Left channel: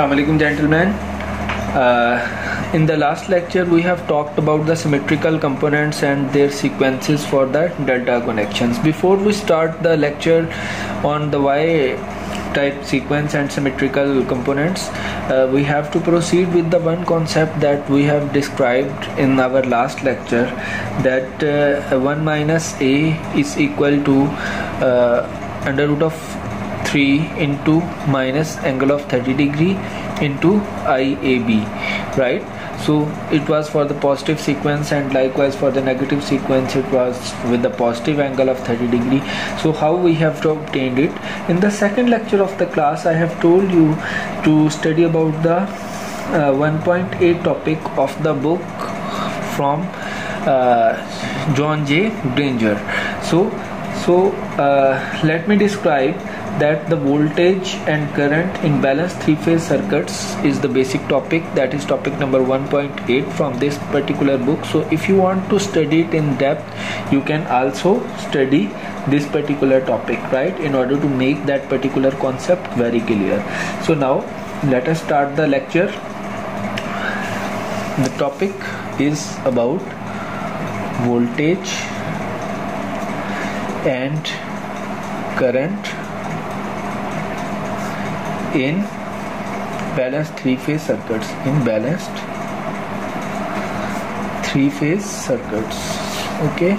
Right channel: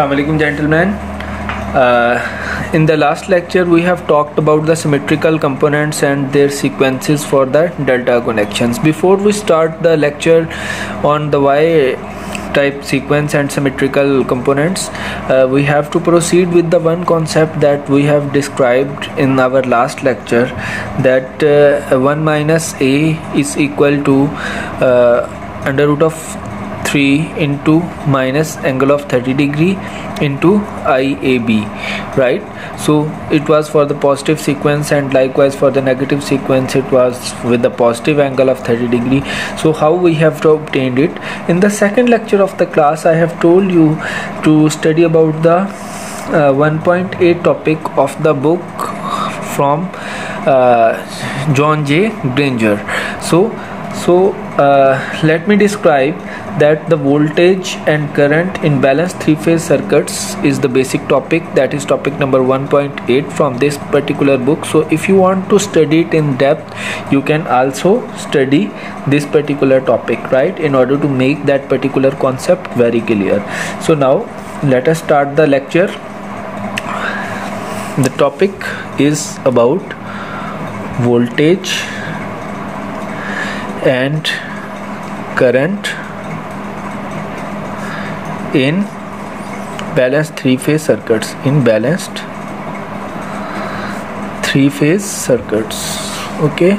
Assalamu alaikum, gentlemen. In the last lecture we have talked about the symmetrical components and their sequences for the delta connections. Before we start the lecture on the Y type sequence and symmetrical components, we have to proceed with the one concept that we have described in our last lecture, that 1 minus a is equal to under root of 3 into minus angle of 30 degree into IAB, right? So it was for the positive sequence, and likewise for the negative sequence it was with the positive angle of 30 degree. So how we have to obtain it? In the second lecture of the class I have told you to study about the 1.8 topic of the book from John J. Granger. So let me describe that the voltage and current in balanced three-phase circuits is the basic topic, that is topic number 1.8 from this particular book. So if you want to study it in depth, you can also study this particular topic, right, in order to make that particular concept very clear. So now let us start the lecture. The topic is about voltage and current in balanced three-phase circuits. Okay,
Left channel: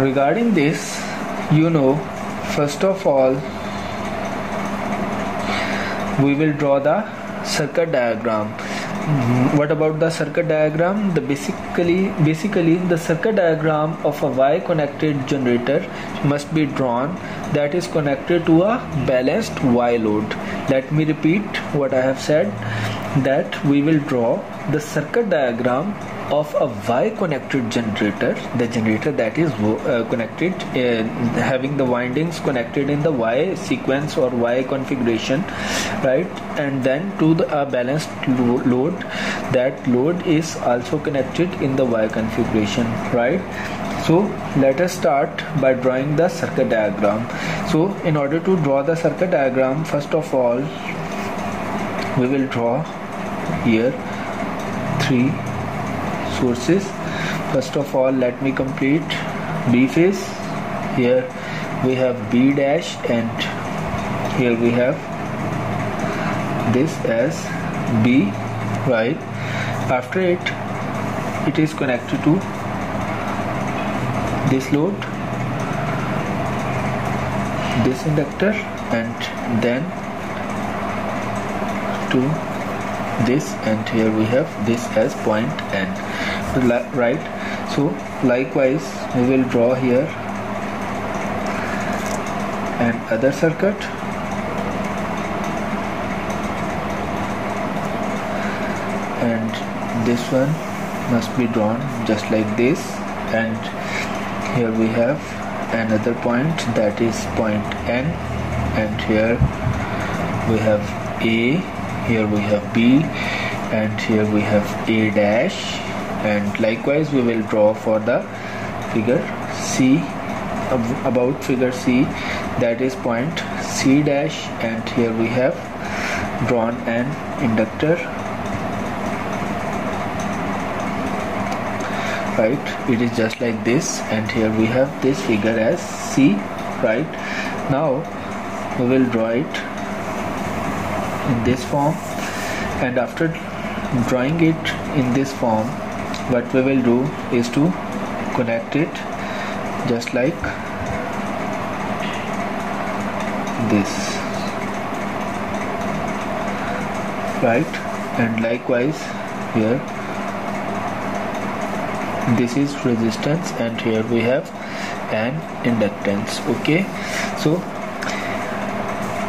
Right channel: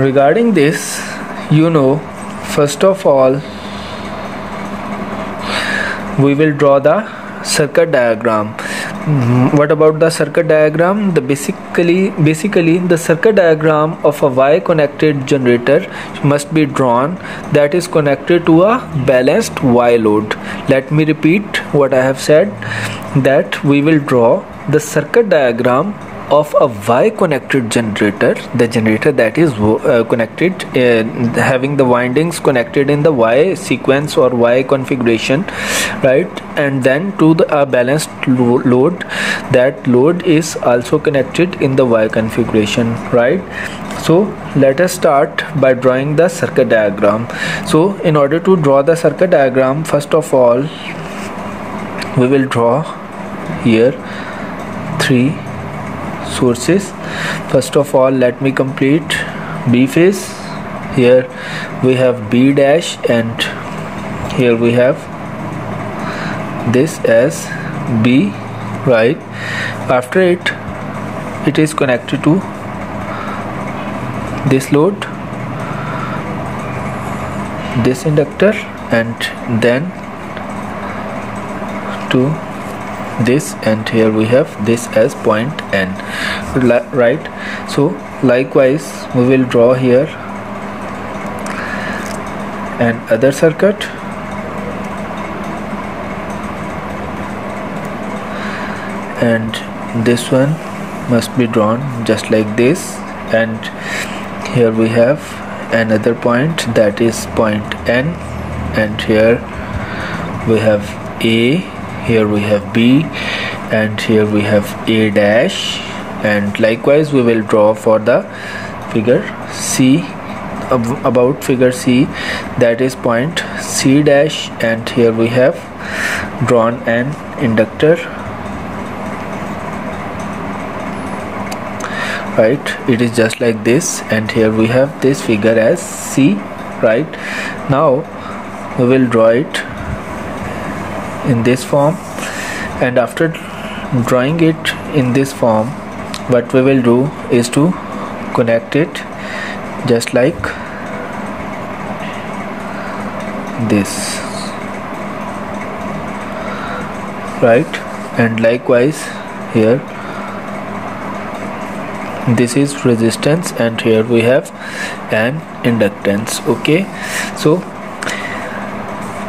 regarding this, first of all we will draw the circuit diagram. What about the circuit diagram? Basically the circuit diagram of a Y connected generator must be drawn that is connected to a balanced Y load. Let me repeat what I have said, that we will draw the circuit diagram of a Y connected generator, the generator that is connected, having the windings connected in the Y sequence or Y configuration, right, and then to a balanced load. That load is also connected in the Y configuration, right? So let us start by drawing the circuit diagram. So in order to draw the circuit diagram, first of all we will draw here three sources. First of all, let me complete B phase. Here we have B dash, and here we have this as B, right? After it is connected to this load, this inductor, and then to this, and here we have this as point N, right? So likewise we will draw here an other circuit, and this one must be drawn just like this, and here we have another point, that is point N, and here we have A, here we have B, and here we have A dash, and likewise we will draw for the figure C, about figure C, that is point C dash, and here we have drawn an inductor, right? It is just like this, and here we have this figure as C, right? Now we will draw it in this form, and after drawing it in this form, what we will do is to connect it just like this, right? And likewise here this is resistance, and here we have an inductance. Okay, so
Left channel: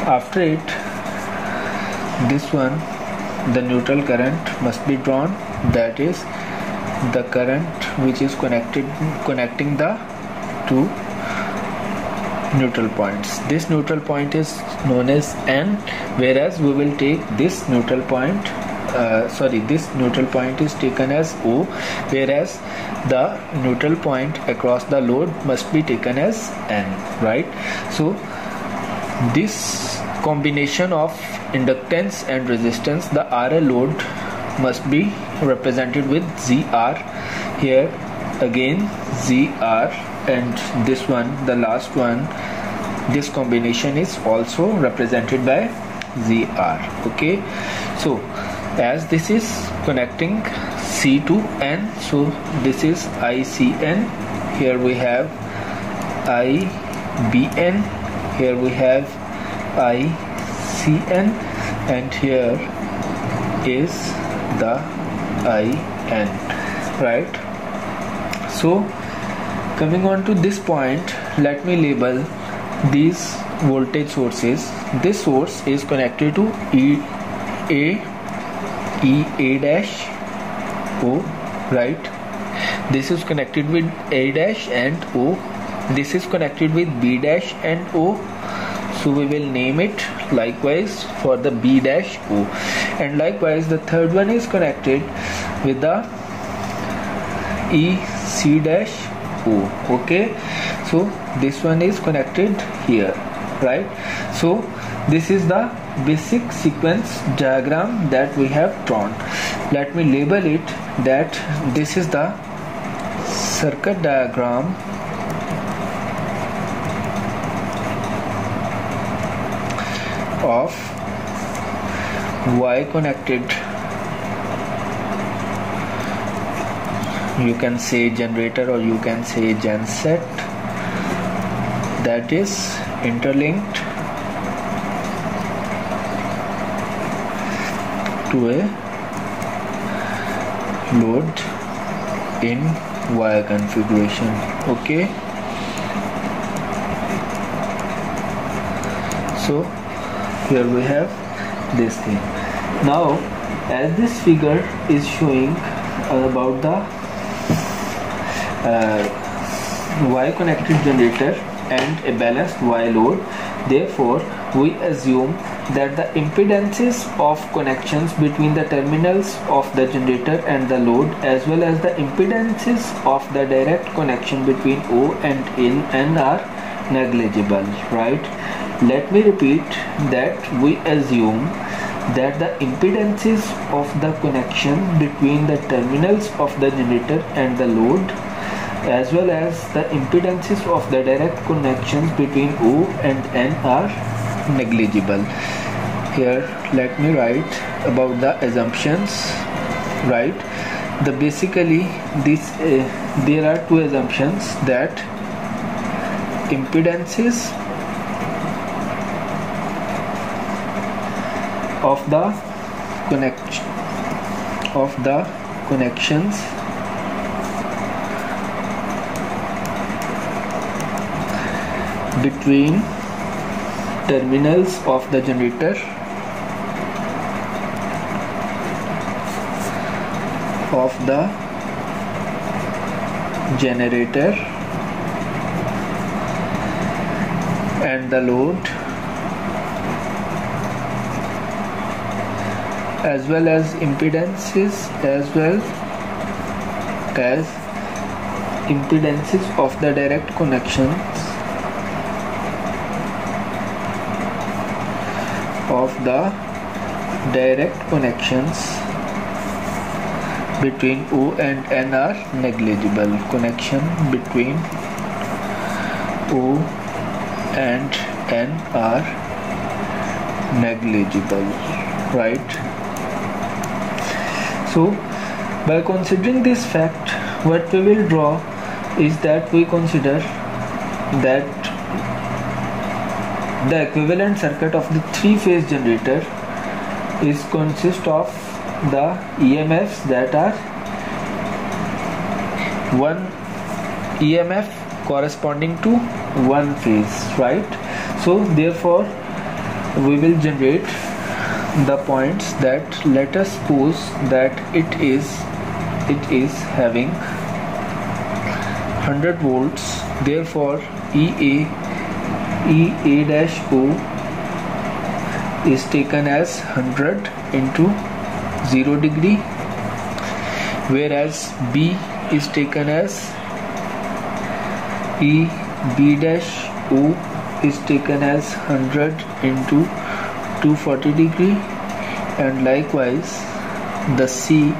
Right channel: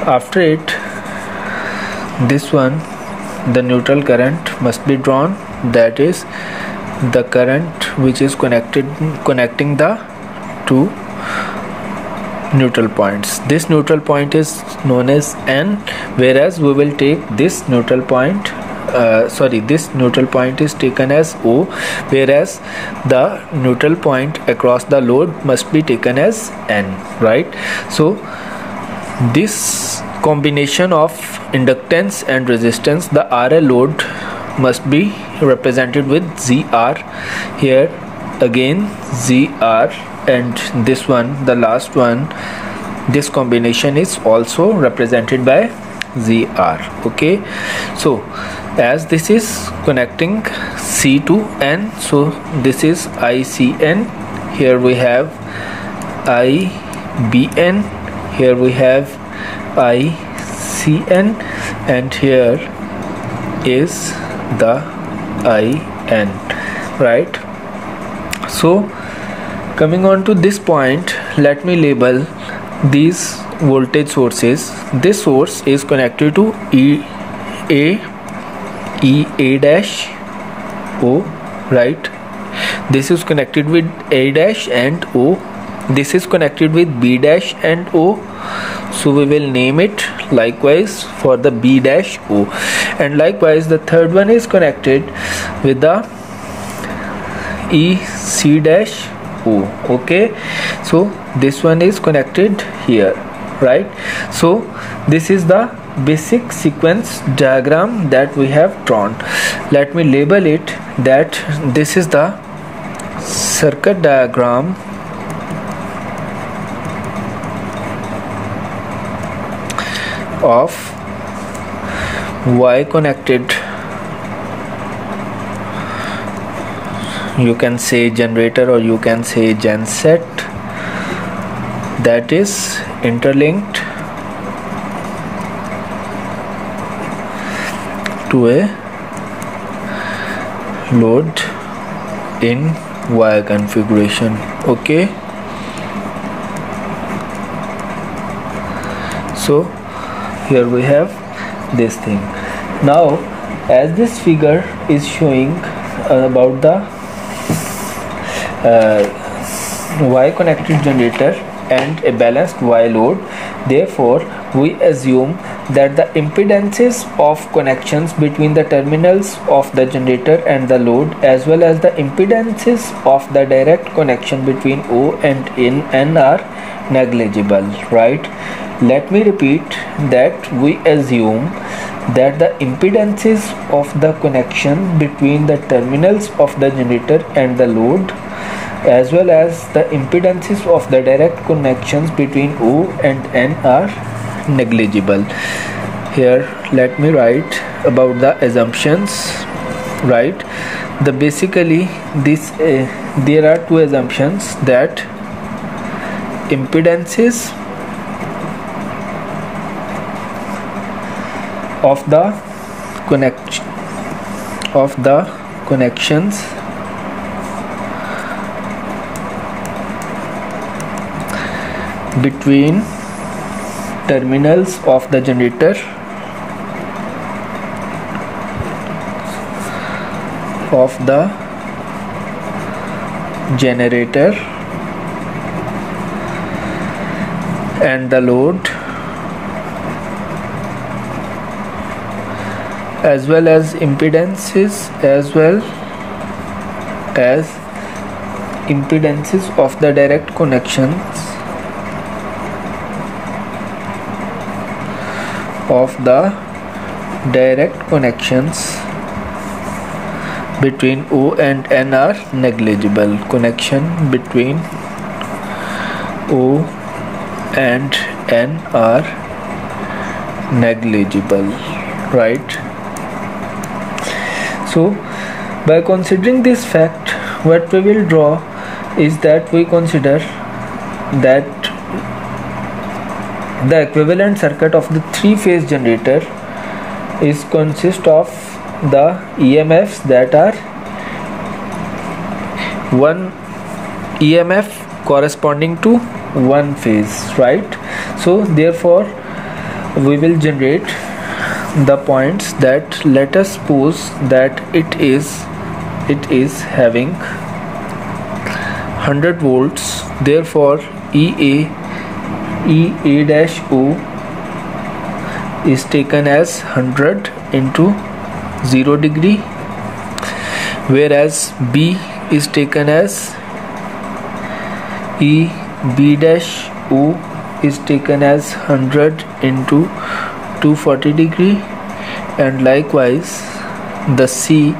after it, this one, the neutral current must be drawn, that is the current which is connecting the two neutral points. This neutral point is known as N, whereas we will take this neutral point this neutral point is taken as O, whereas the neutral point across the load must be taken as N, right? So this combination of inductance and resistance, the RL load must be represented with ZR. Here again ZR, and this one, the last one, this combination is also represented by ZR. Okay, so as this is connecting C to N, so this is ICN. Here we have IBN, here we have ICN, and here is the IN, right? So coming on to this point, let me label these voltage sources. This source is connected to A dash O, right? This is connected with A dash and O. This is connected with B dash and O, so we will name it likewise for the B dash O. And likewise the third one is connected with the EC dash O. Okay, so this one is connected here, right? So this is the basic sequence diagram that we have drawn. Let me label it that this is the circuit diagram of Y connected, you can say generator or you can say genset, that is interlinked to a load in Y configuration. Okay, so here we have this thing. Now as this figure is showing about the Y connected generator and a balanced Y load, therefore we assume that the impedances of connections between the terminals of the generator and the load, as well as the impedances of the direct connection between O and N are negligible, right? Let me repeat that we assume that the impedances of the connection between the terminals of the generator and the load, as well as the impedances of the direct connections between O and N are negligible. Here let me write about the assumptions, right? The basically this there are two assumptions, that impedances of the connections between terminals of the generator and the load, as well as impedances of the direct connections between O and N are negligible. Connection between O and N are negligible, right? So by considering this fact, what we will draw is that we consider that the equivalent circuit of the three-phase generator is consist of the EMFs that are one EMF corresponding to one phase, right? So therefore we will generate the points that, let us suppose that it is having 100 volts, therefore EA dash O is taken as 100 into 0 degree, whereas B is taken as E B dash O is taken as 100 into 240 degree, and likewise the C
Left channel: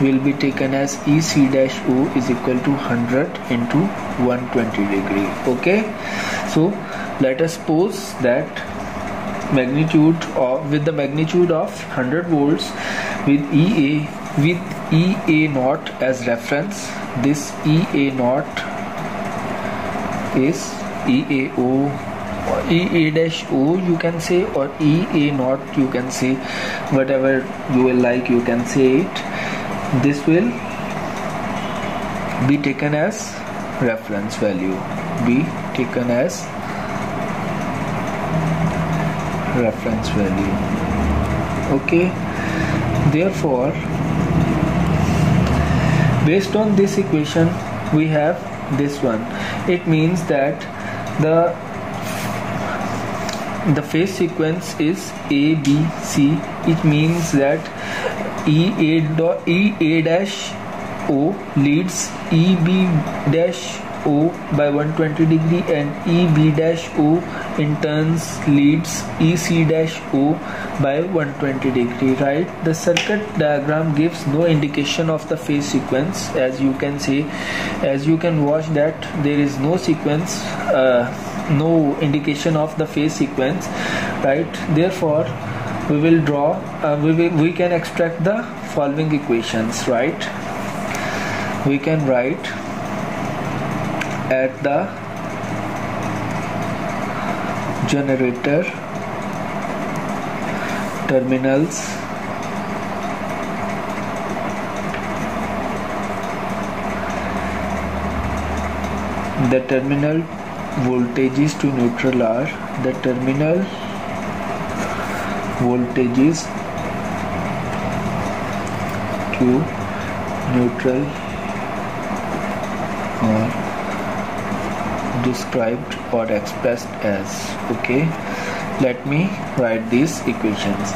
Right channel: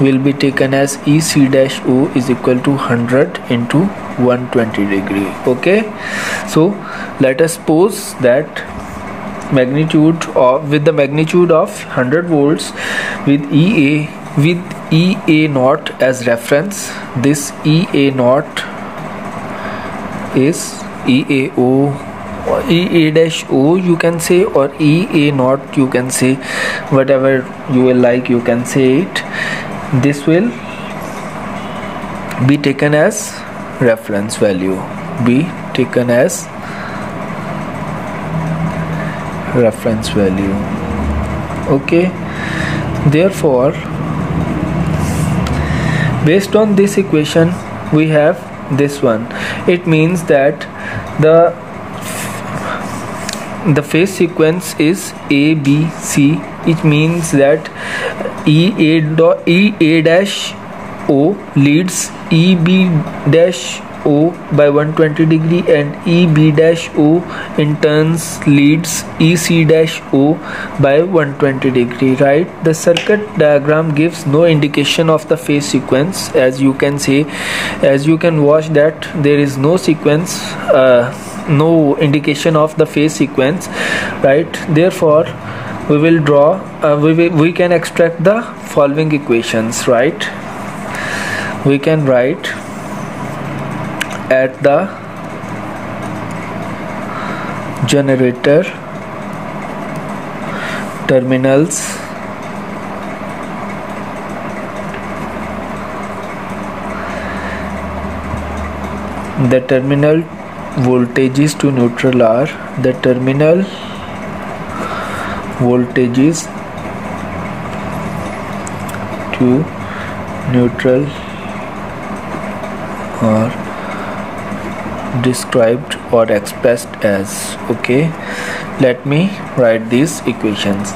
will be taken as EC dash O is equal to 100 into 120 degree. Okay, so let us suppose that with the magnitude of 100 volts with EA naught as reference. This EA naught is EAO, EA dash O you can say, or EA naught you can say, whatever you will like you can say it. This will be taken as reference value, be taken as reference value. Okay, therefore based on this equation we have this one. It means that the phase sequence is A B C. It means that EA dash O leads EB dash O by 120 degree, and EB dash O in turns leads EC dash O by 120 degree, right? The circuit diagram gives no indication of the phase sequence, as you can watch that there is no sequence, no indication of the phase sequence, right? Therefore we will draw we can extract the following equations, right? We can write at the generator terminals the terminal voltages to neutral are described or expressed as. Okay, let me write these equations.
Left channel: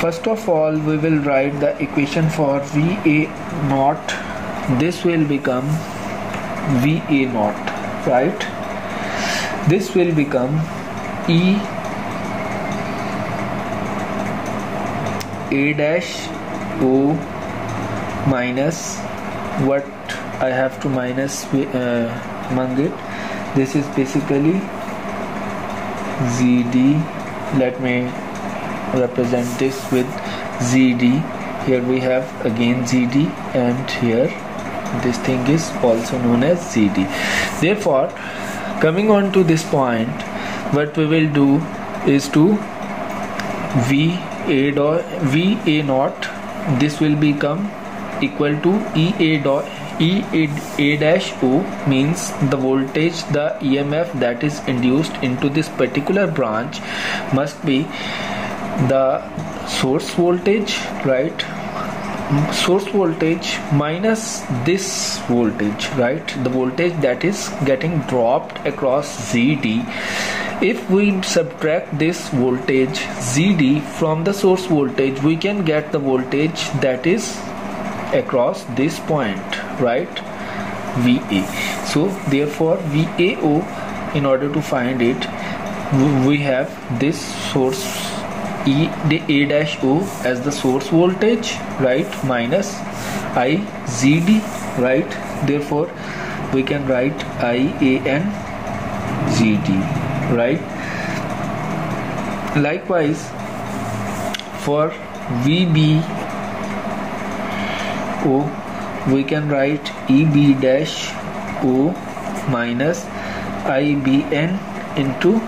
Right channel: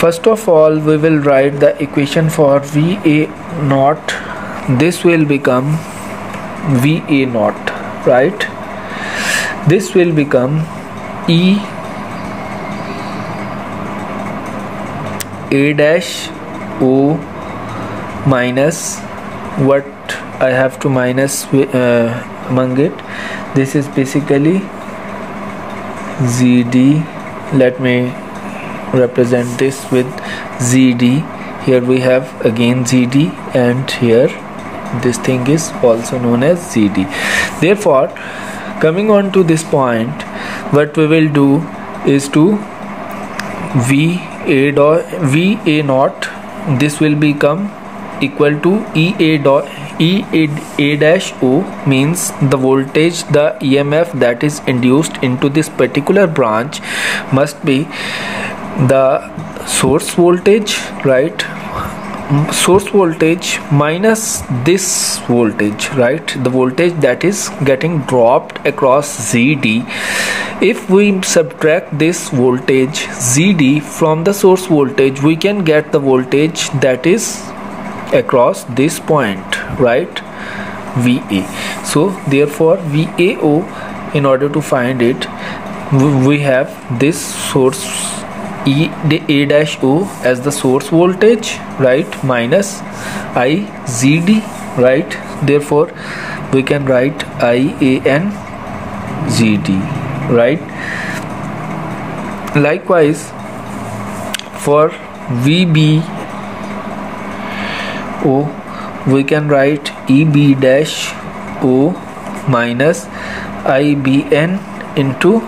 First of all, we will write the equation for VA naught. This will become VA naught, right? This will become E A dash O minus what I have to minus among it. This is basically ZD. Let me represent this with ZD. Here we have again ZD, and here this thing is also known as ZD. Therefore, coming on to this point, what we will do is to VA naught, this will become equal to EA dash O, means the voltage, the EMF that is induced into this particular branch must be the source voltage, right? Source voltage minus this voltage, right? The voltage that is getting dropped across ZD. If we subtract this voltage ZD from the source voltage, we can get the voltage that is across this point, right? VA. So therefore VAO, in order to find it, we have this source A dash O as the source voltage, right, minus IZD, right? Therefore we can write IAN ZD, right? Likewise for VBO, we can write EB dash O minus IBN into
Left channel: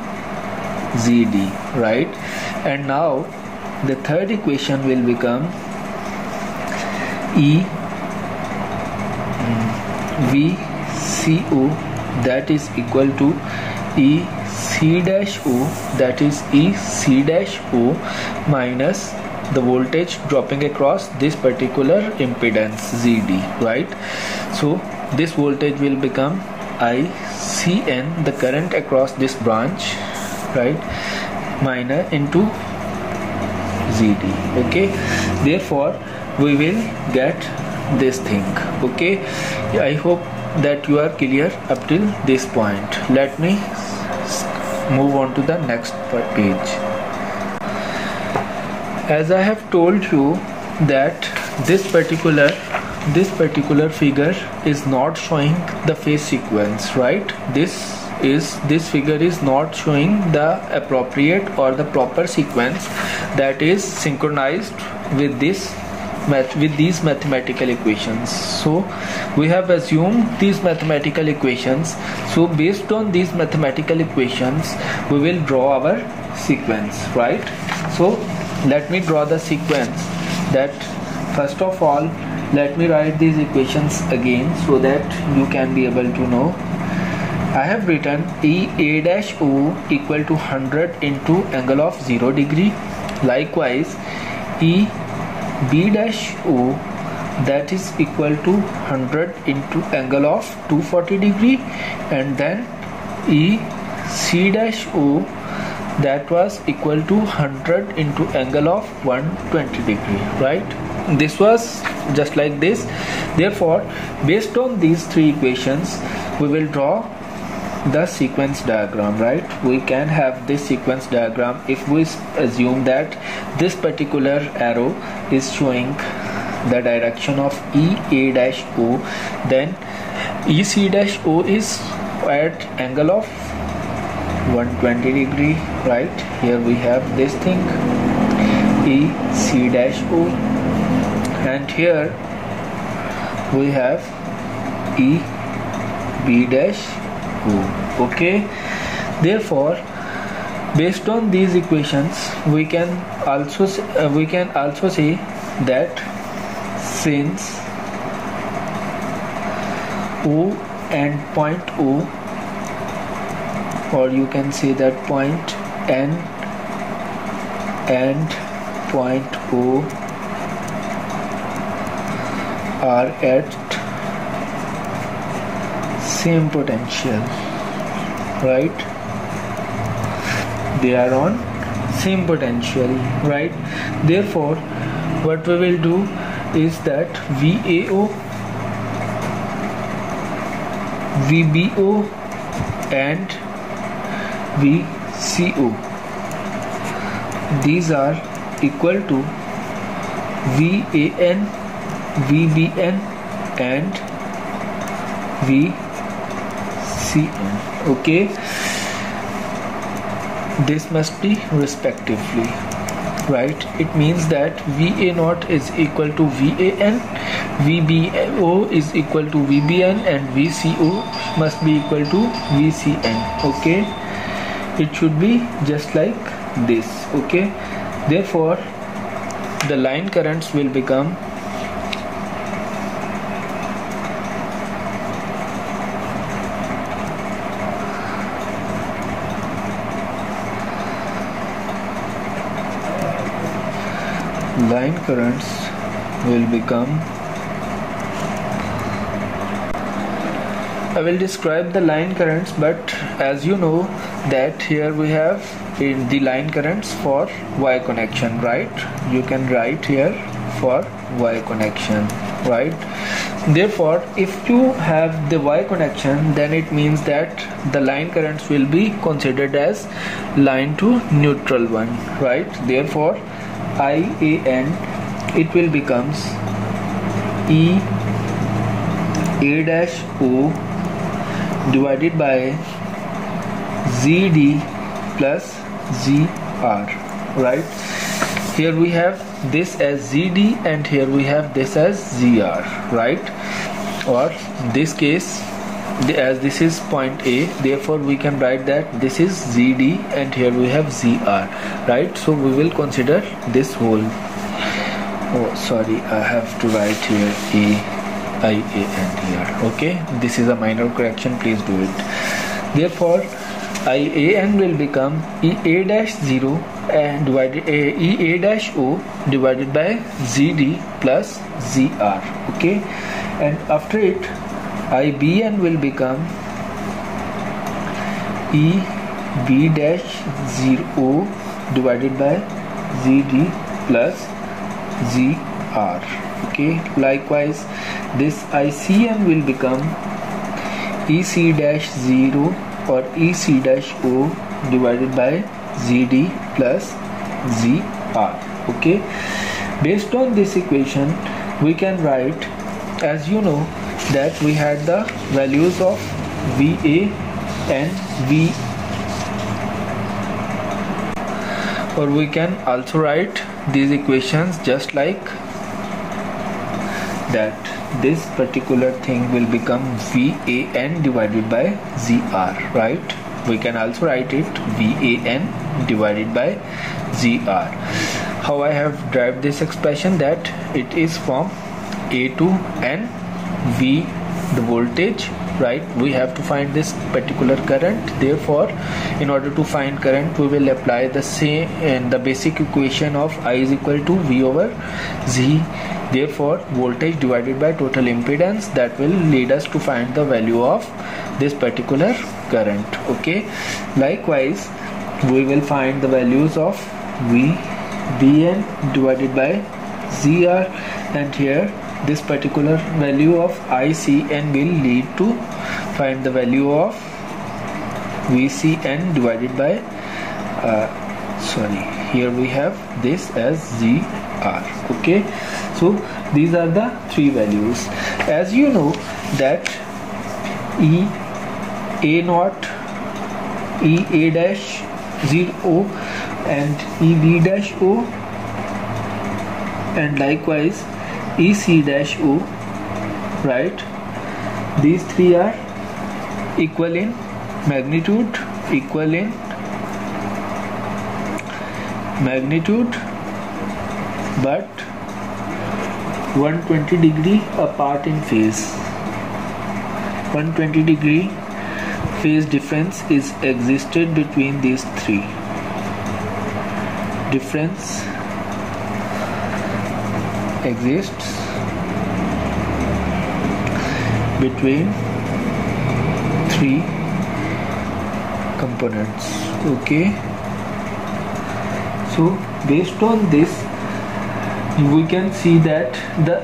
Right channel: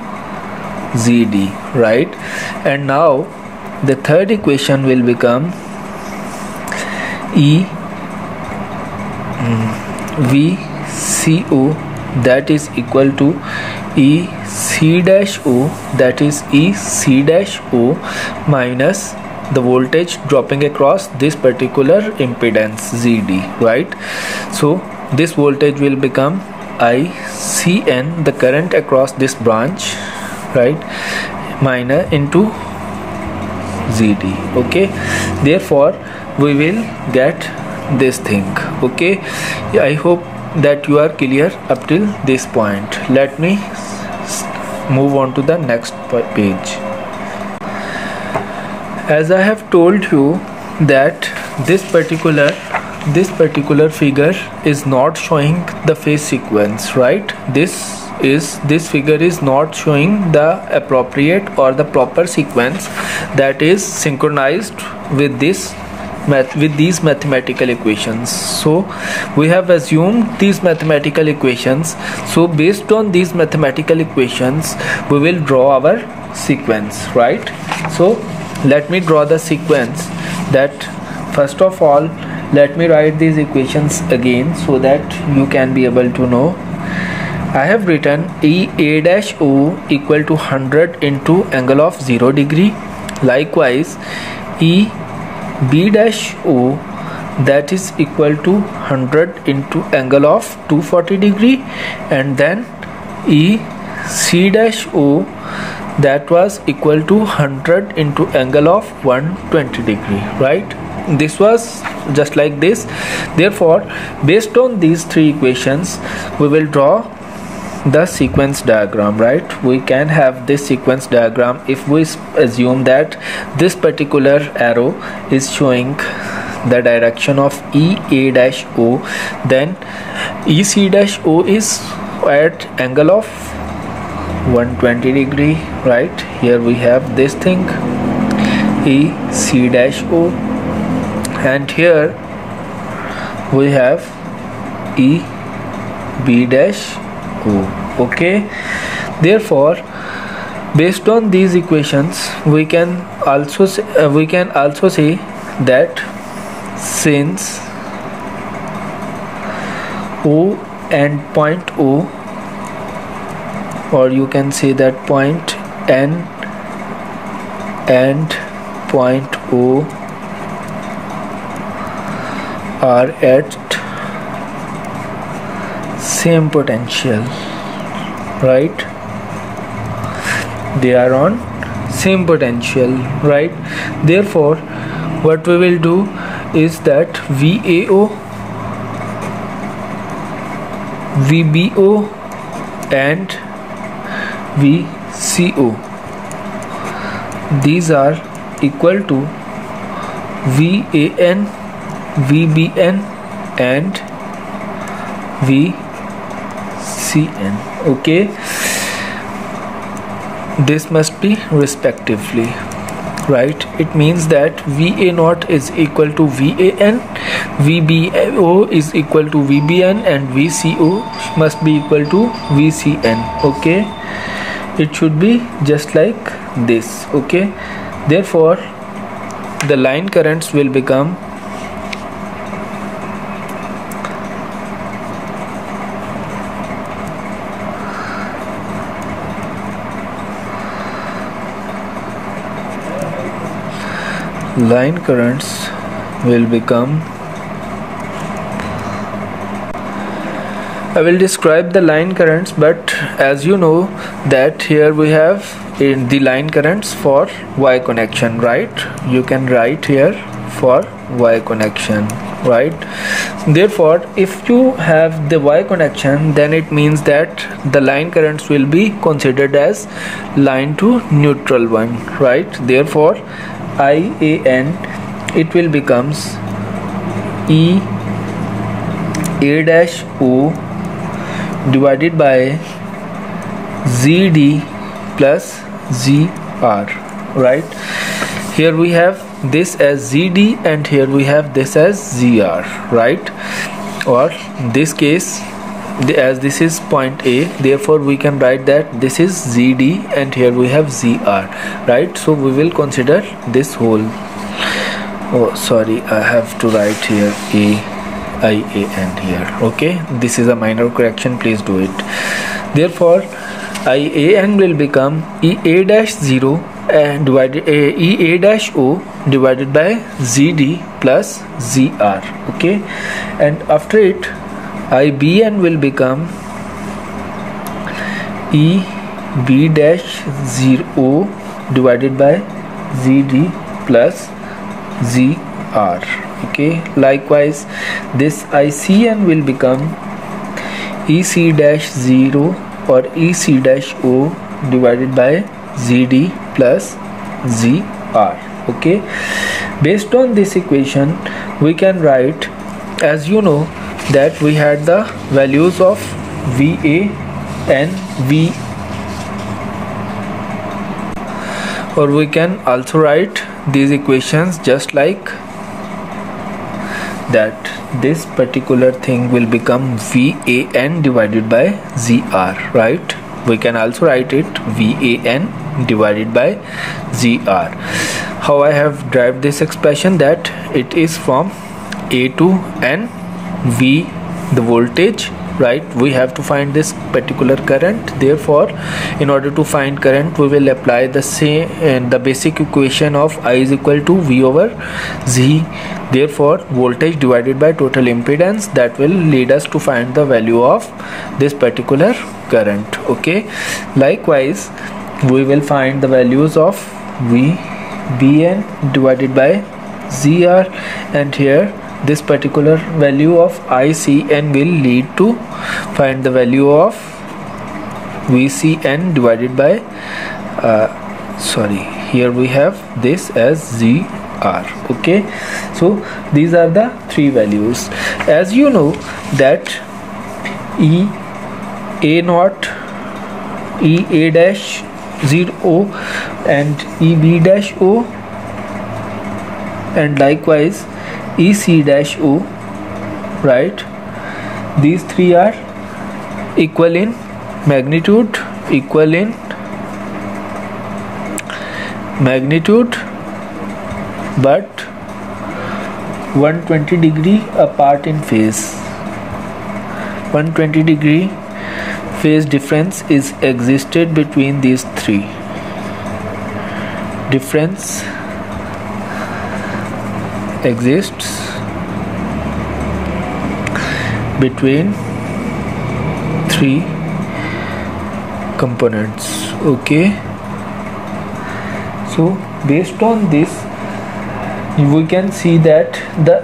ZD, right? And now the third equation will become VCO, that is equal to EC dash O, that is EC dash O minus the voltage dropping across this particular impedance ZD, right? So this voltage will become ICN, the current across this branch, right, minus into ZD. Okay, therefore we will get this thing. Okay, I hope that you are clear up till this point. Let me move on to the next page. As I have told you that this particular figure is not showing the phase sequence, right? This figure is not showing the appropriate or the proper sequence that is synchronized with these mathematical equations. So we have assumed these mathematical equations. So based on these mathematical equations we will draw our sequence, right? So let me draw the sequence. That first of all, let me write these equations again so that you can be able to know. I have written EA-O equal to 100 into angle of 0 degree. Likewise, EB-O, that is equal to 100 into angle of 240 degree, and then EC-O, that was equal to 100 into angle of 120 degree, right? This was just like this. Therefore, based on these three equations we will draw the sequence diagram, right? We can have this sequence diagram if we assume that this particular arrow is showing the direction of EA-O, then EC-O is at angle of 120 degree, right? Here we have this thing EC-O, and here we have EB-O. Okay, therefore based on these equations we can also say that since O and point O, or you can say that point N and point O are at same potential, right? They are on same potential, right? Therefore what we will do is that VAO, VBO and VCO, these are equal to VAN, VBN and VCN. Okay, this must be respectively, right? It means that VA0 is equal to VAN, VBO is equal to VBN and VCO must be equal to VCN. Okay, it should be just like this. Okay, therefore the line currents will become I will describe the line currents, but as you know that here we have in the line currents for Y connection, right? You can write here for Y connection, right? Therefore if you have the Y connection, then it means that the line currents will be considered as line to neutral one, right? Therefore IAN, it will becomes EA-O divided by ZD plus ZR, right? Here we have this as ZD and here we have this as ZR, right? Or in this case, as this is point A, therefore we can write that this is ZD and here we have ZR, right? So we will consider this whole, oh sorry, I have to write here IAN here. Okay, this is a minor correction, please do it. Therefore IAN will become EA-0 and EA-O divided by ZD plus ZR. Okay, and after it IBN will become EB-0 divided by ZD plus ZR. Okay, likewise this ICN will become EC dash 0 or EC dash O divided by ZD plus ZR. Okay, based on this equation we can write, as you know, that we had the values of VA and V, or we can also write these equations just like that. This particular thing will become VAN divided by ZR, right? We can also write it VAN divided by ZR. How I have derived this expression, that it is from A to N, V the voltage, right? We have to find this particular current. Therefore, in order to find current, we will apply the same the basic equation of I is equal to V over Z. Therefore, voltage divided by total impedance, that will lead us to find the value of this particular current. Okay, likewise we will find the values of VBN divided by ZR, and here this particular value of ICN will lead to find the value of VCN divided by here we have this as ZR. Okay, so these are the three values. As you know that EA0, EA dash 0 and EB dash O, and likewise EC dash O, right? These three are equal in magnitude, but 120 degree apart in phase. 120 degree phase difference is existed between these three. Difference exists between three components. Okay, so based on this we can see that the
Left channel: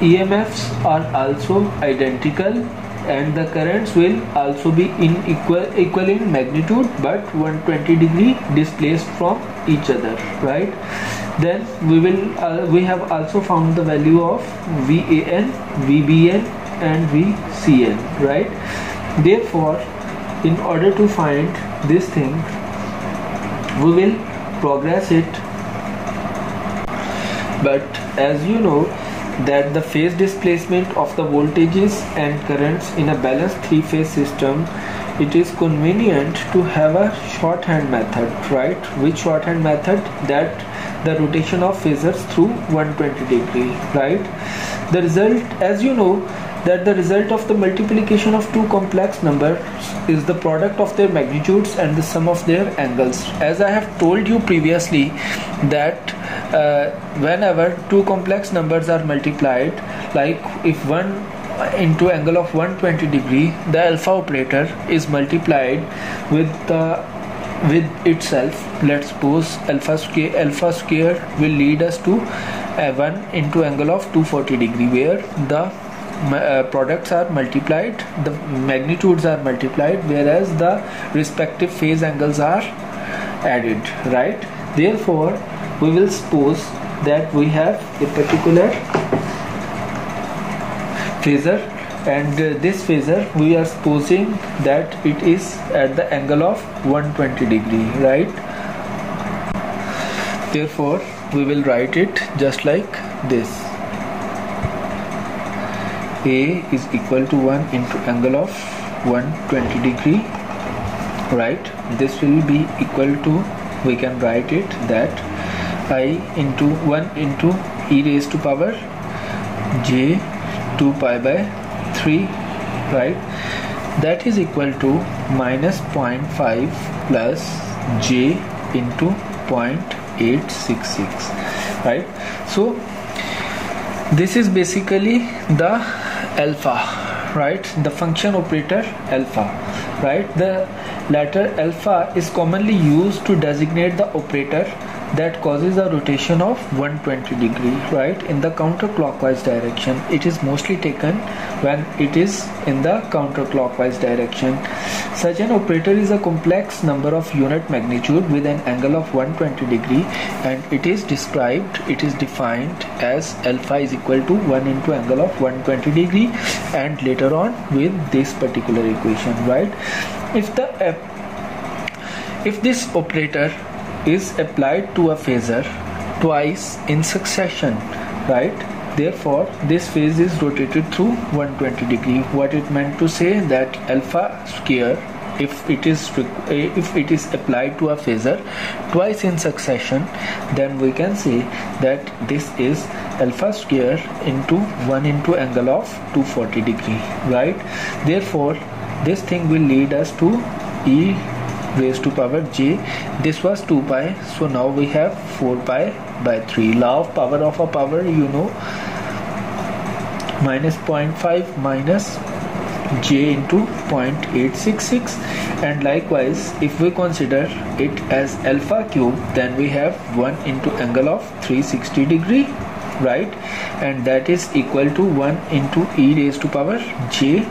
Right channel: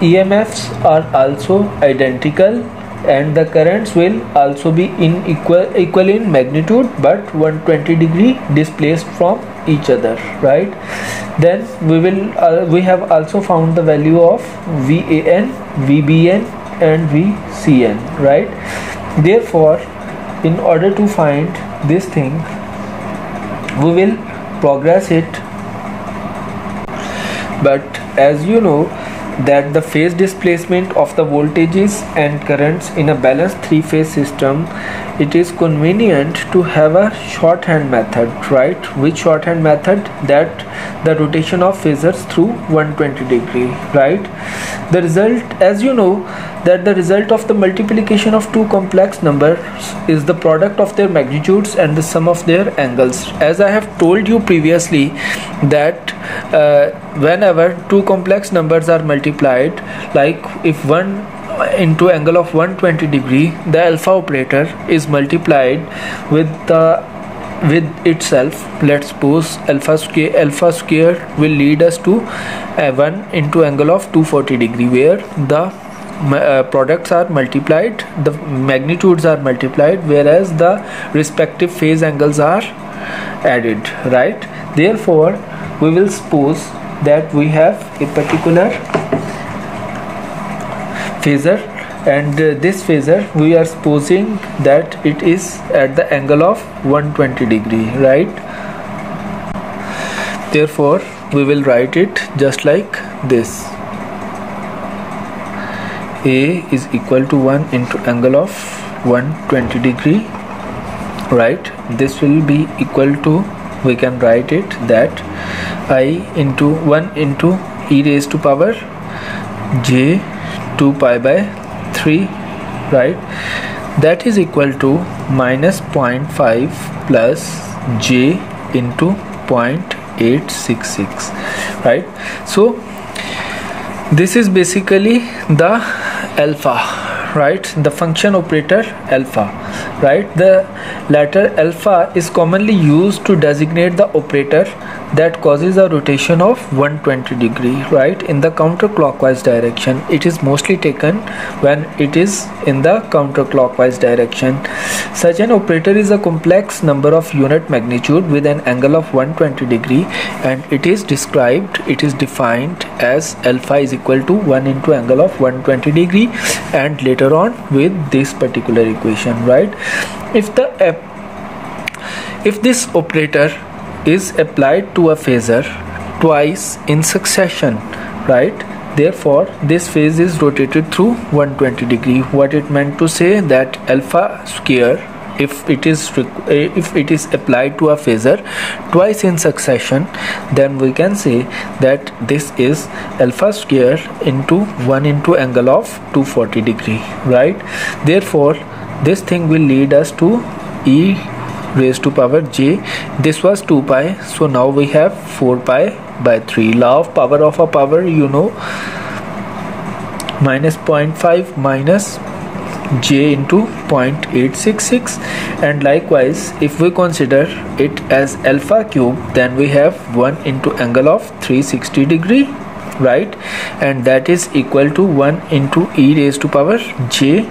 EMFs are also identical and the currents will also be equal in magnitude, but 120 degree displaced from each other, right? Then we have also found the value of VAN, VBN and VCN, right? Therefore, in order to find this thing, we will progress it. But as you know that the phase displacement of the voltages and currents in a balanced three-phase system, it is convenient to have a shorthand method, right? Which shorthand method? That the rotation of phasors through 120 degree, right? The result, as you know, that the result of the multiplication of two complex numbers is the product of their magnitudes and the sum of their angles. As I have told you previously that whenever two complex numbers are multiplied, like if one into angle of 120 degree, the alpha operator is multiplied with itself. Let's suppose alpha square will lead us to 1 into angle of 240 degree, where the products are multiplied, the magnitudes are multiplied, whereas the respective phase angles are added, right? Therefore, we will suppose that we have a particular phasor, and this phasor we are supposing that it is at the angle of 120 degree, right? Therefore, we will write it just like this: A is equal to 1 into angle of 120 degree, right? This will be equal to, we can write it that I into 1 into e raised to power j 2 pi by 3, right? That is equal to minus 0.5 plus j into 0.866, right? So this is basically the alpha, right? The function operator alpha, right? The letter alpha is commonly used to designate the operator that causes a rotation of 120 degree, right, in the counterclockwise direction. It is mostly taken when it is in the counterclockwise direction. Such an operator is a complex number of unit magnitude with an angle of 120 degree, and it is defined as alpha is equal to 1 into angle of 120 degree, and later on with this particular equation, right? If this operator is applied to a phasor twice in succession, right, therefore this phase is rotated through 120 degree. What it meant to say that alpha square, if it is applied to a phasor twice in succession, then we can say that this is alpha square into 1 into angle of 240 degree, right? Therefore this thing will lead us to e raised to power j. This was 2 pi, so now we have 4 pi by 3. Law of a power, you know, minus 0.5 minus j into 0.866, and likewise if we consider it as alpha cube, then we have 1 into angle of 360 degree, right, and that is equal to 1 into e raised to power j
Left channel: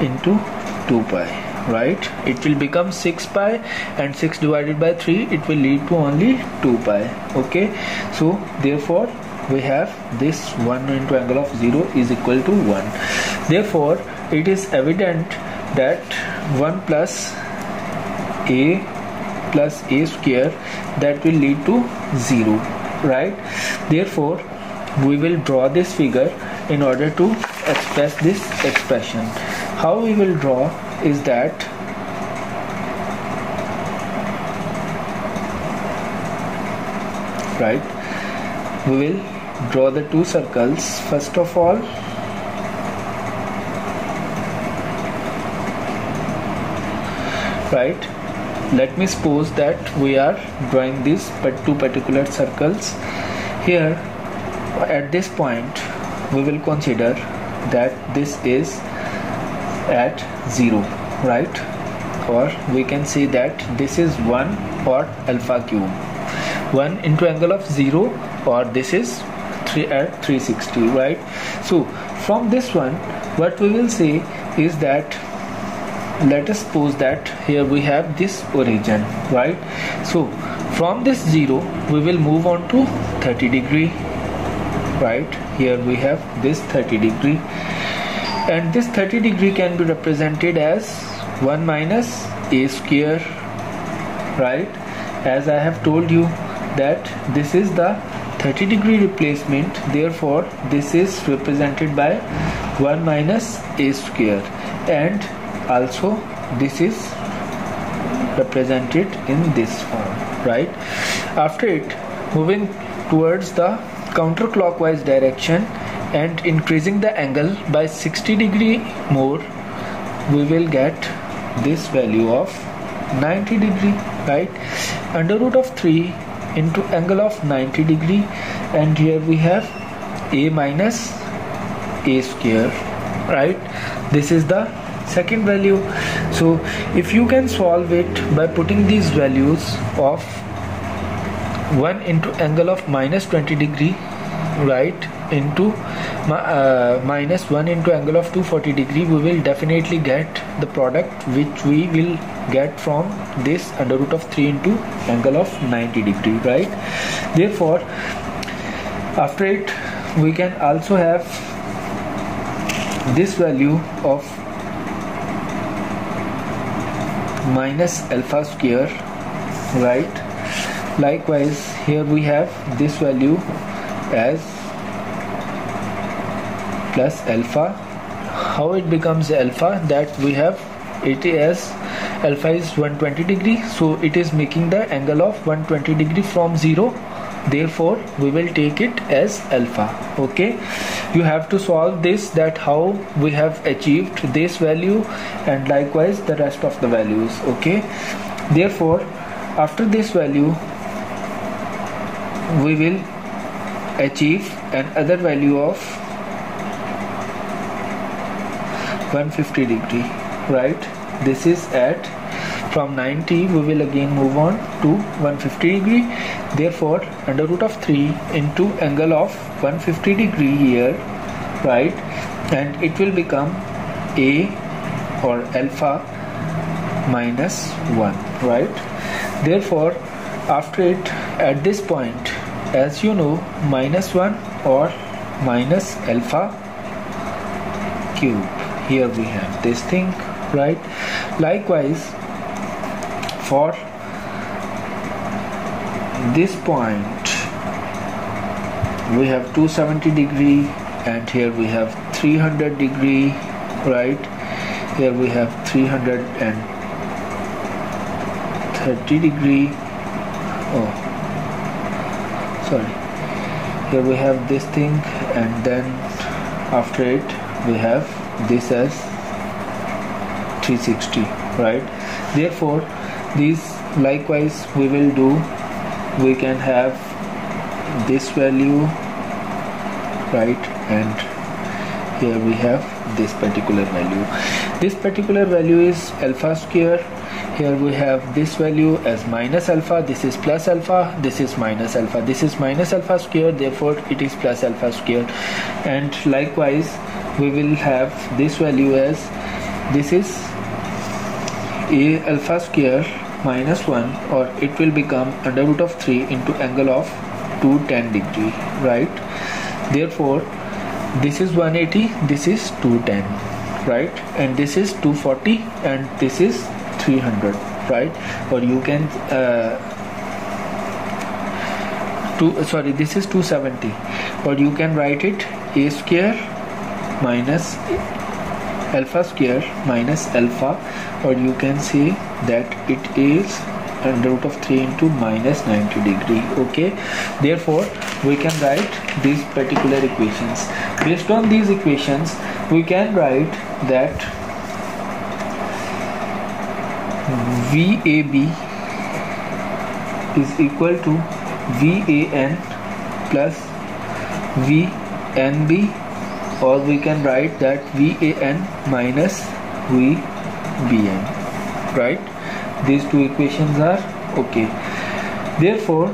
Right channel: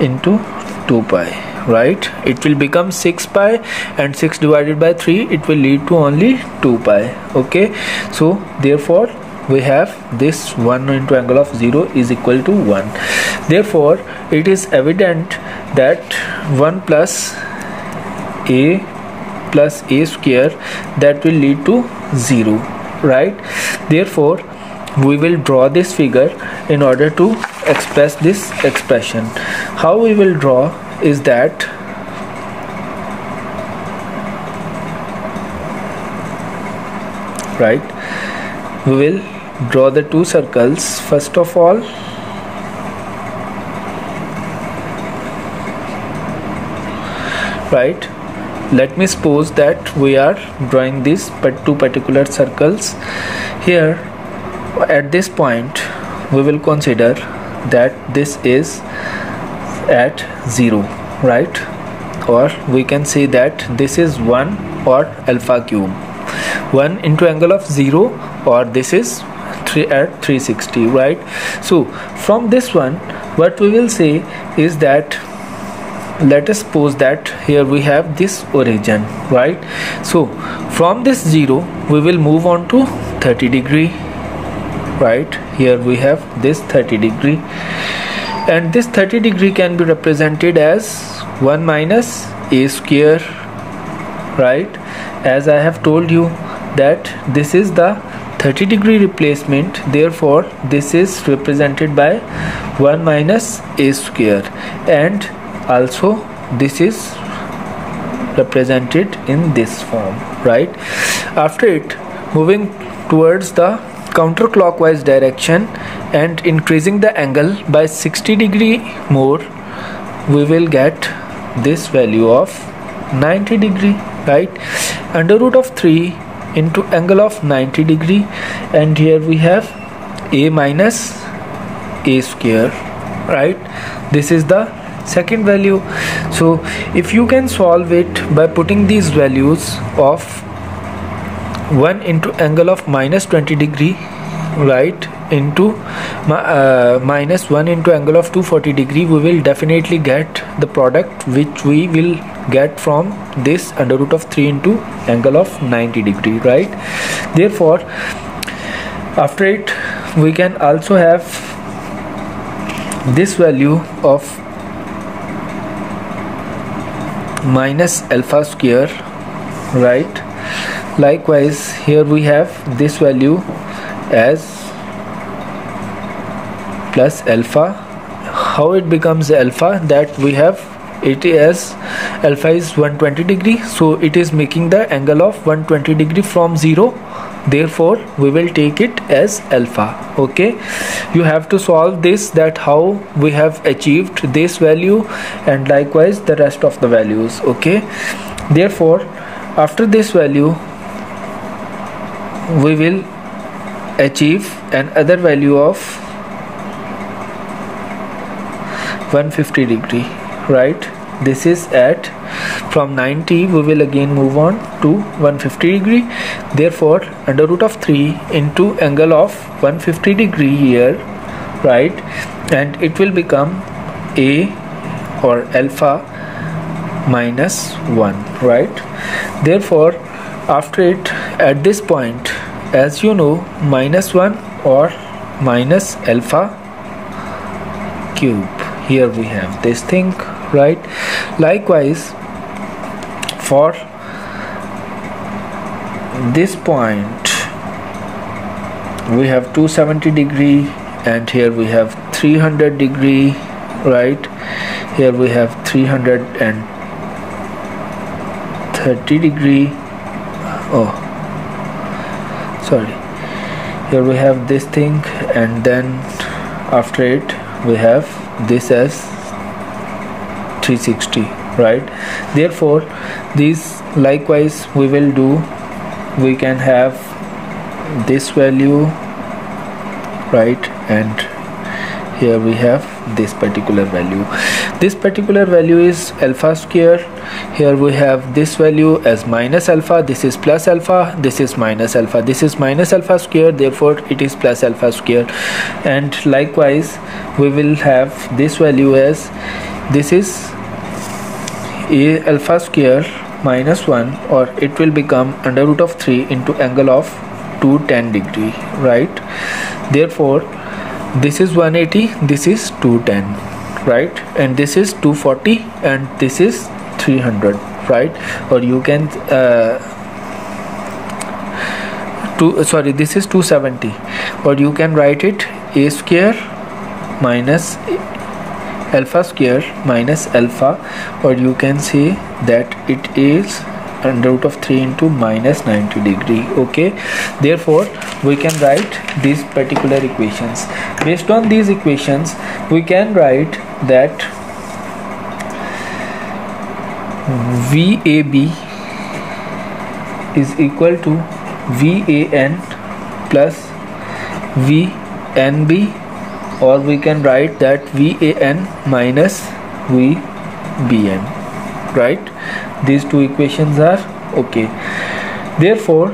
into 2 pi. Right, it will become 6 pi, and 6 divided by 3, it will lead to only 2 pi. Okay, so therefore we have this 1 into angle of 0 is equal to 1. Therefore it is evident that 1 plus a square, that will lead to 0, right? Therefore we will draw this figure in order to express this expression. How we will draw is that we will draw the two circles. First of all, right, let me suppose that we are drawing these two particular circles. Here at this point we will consider that this is at 0, right, or we can say that this is 1 or alpha cube, 1 into angle of 0, or this is 3 at 360, right? So from this one what we will say is that, let us suppose that here we have this origin, right? So from this 0 we will move on to 30 degree, right? Here we have this 30 degree, and this 30 degree can be represented as 1 minus a square, right? As I have told you that this is the 30 degree replacement, therefore this is represented by 1 minus a square, and also this is represented in this form, right? After it, moving towards the counterclockwise direction and increasing the angle by 60 degree more, we will get this value of 90 degree, right? Under root of 3 into angle of 90 degree, and here we have a minus a square, right? This is the second value. So if you can solve it by putting these values of 1 into angle of minus 20 degree, right, into minus 1 into angle of 240 degree, we will definitely get the product which we will get from this under root of 3 into angle of 90 degree, right? Therefore after it we can also have this value of minus alpha square, right? Likewise here we have this value as plus alpha. How it becomes alpha? That we have it as alpha is 120 degree, so it is making the angle of 120 degree from 0, therefore we will take it as alpha. Okay, you have to solve this, that how we have achieved this value, and likewise the rest of the values. Okay, therefore after this value we will achieve another value of 150 degree, right? This is at From 90 we will again move on to 150 degree. Therefore under root of 3 into angle of 150 degree here, right, and it will become a or alpha minus 1, right. Therefore after it, at this point, as you know, minus 1 or minus alpha cube, here we have this thing, right. Likewise for this point we have 270 degree, and here we have 300 degree, right. Here we have 330 degree. Oh, sorry. Here we have this thing, and then after it we have this as 360, right. Therefore these likewise we will do. We can have this value, right, and here we have this particular value. This particular value is alpha square. Here we have this value as minus alpha, this is plus alpha, this is minus alpha, this is minus alpha square, therefore it is plus alpha square. And likewise we will have this value as, this is a alpha square minus 1, or it will become under root of 3 into angle of 210 degree, right. Therefore this is 180, this is 210, right, and this is 240, and this is 300, right. Or you can this is 270, or you can write it a square minus alpha square minus alpha, or you can say that it is under root of 3 into minus 90 degree. Okay, therefore we can write these particular equations. Based on these equations we can write that VAB is equal to VAN plus VNB, or we can write that VAN minus VBN, right. These two equations are okay. Therefore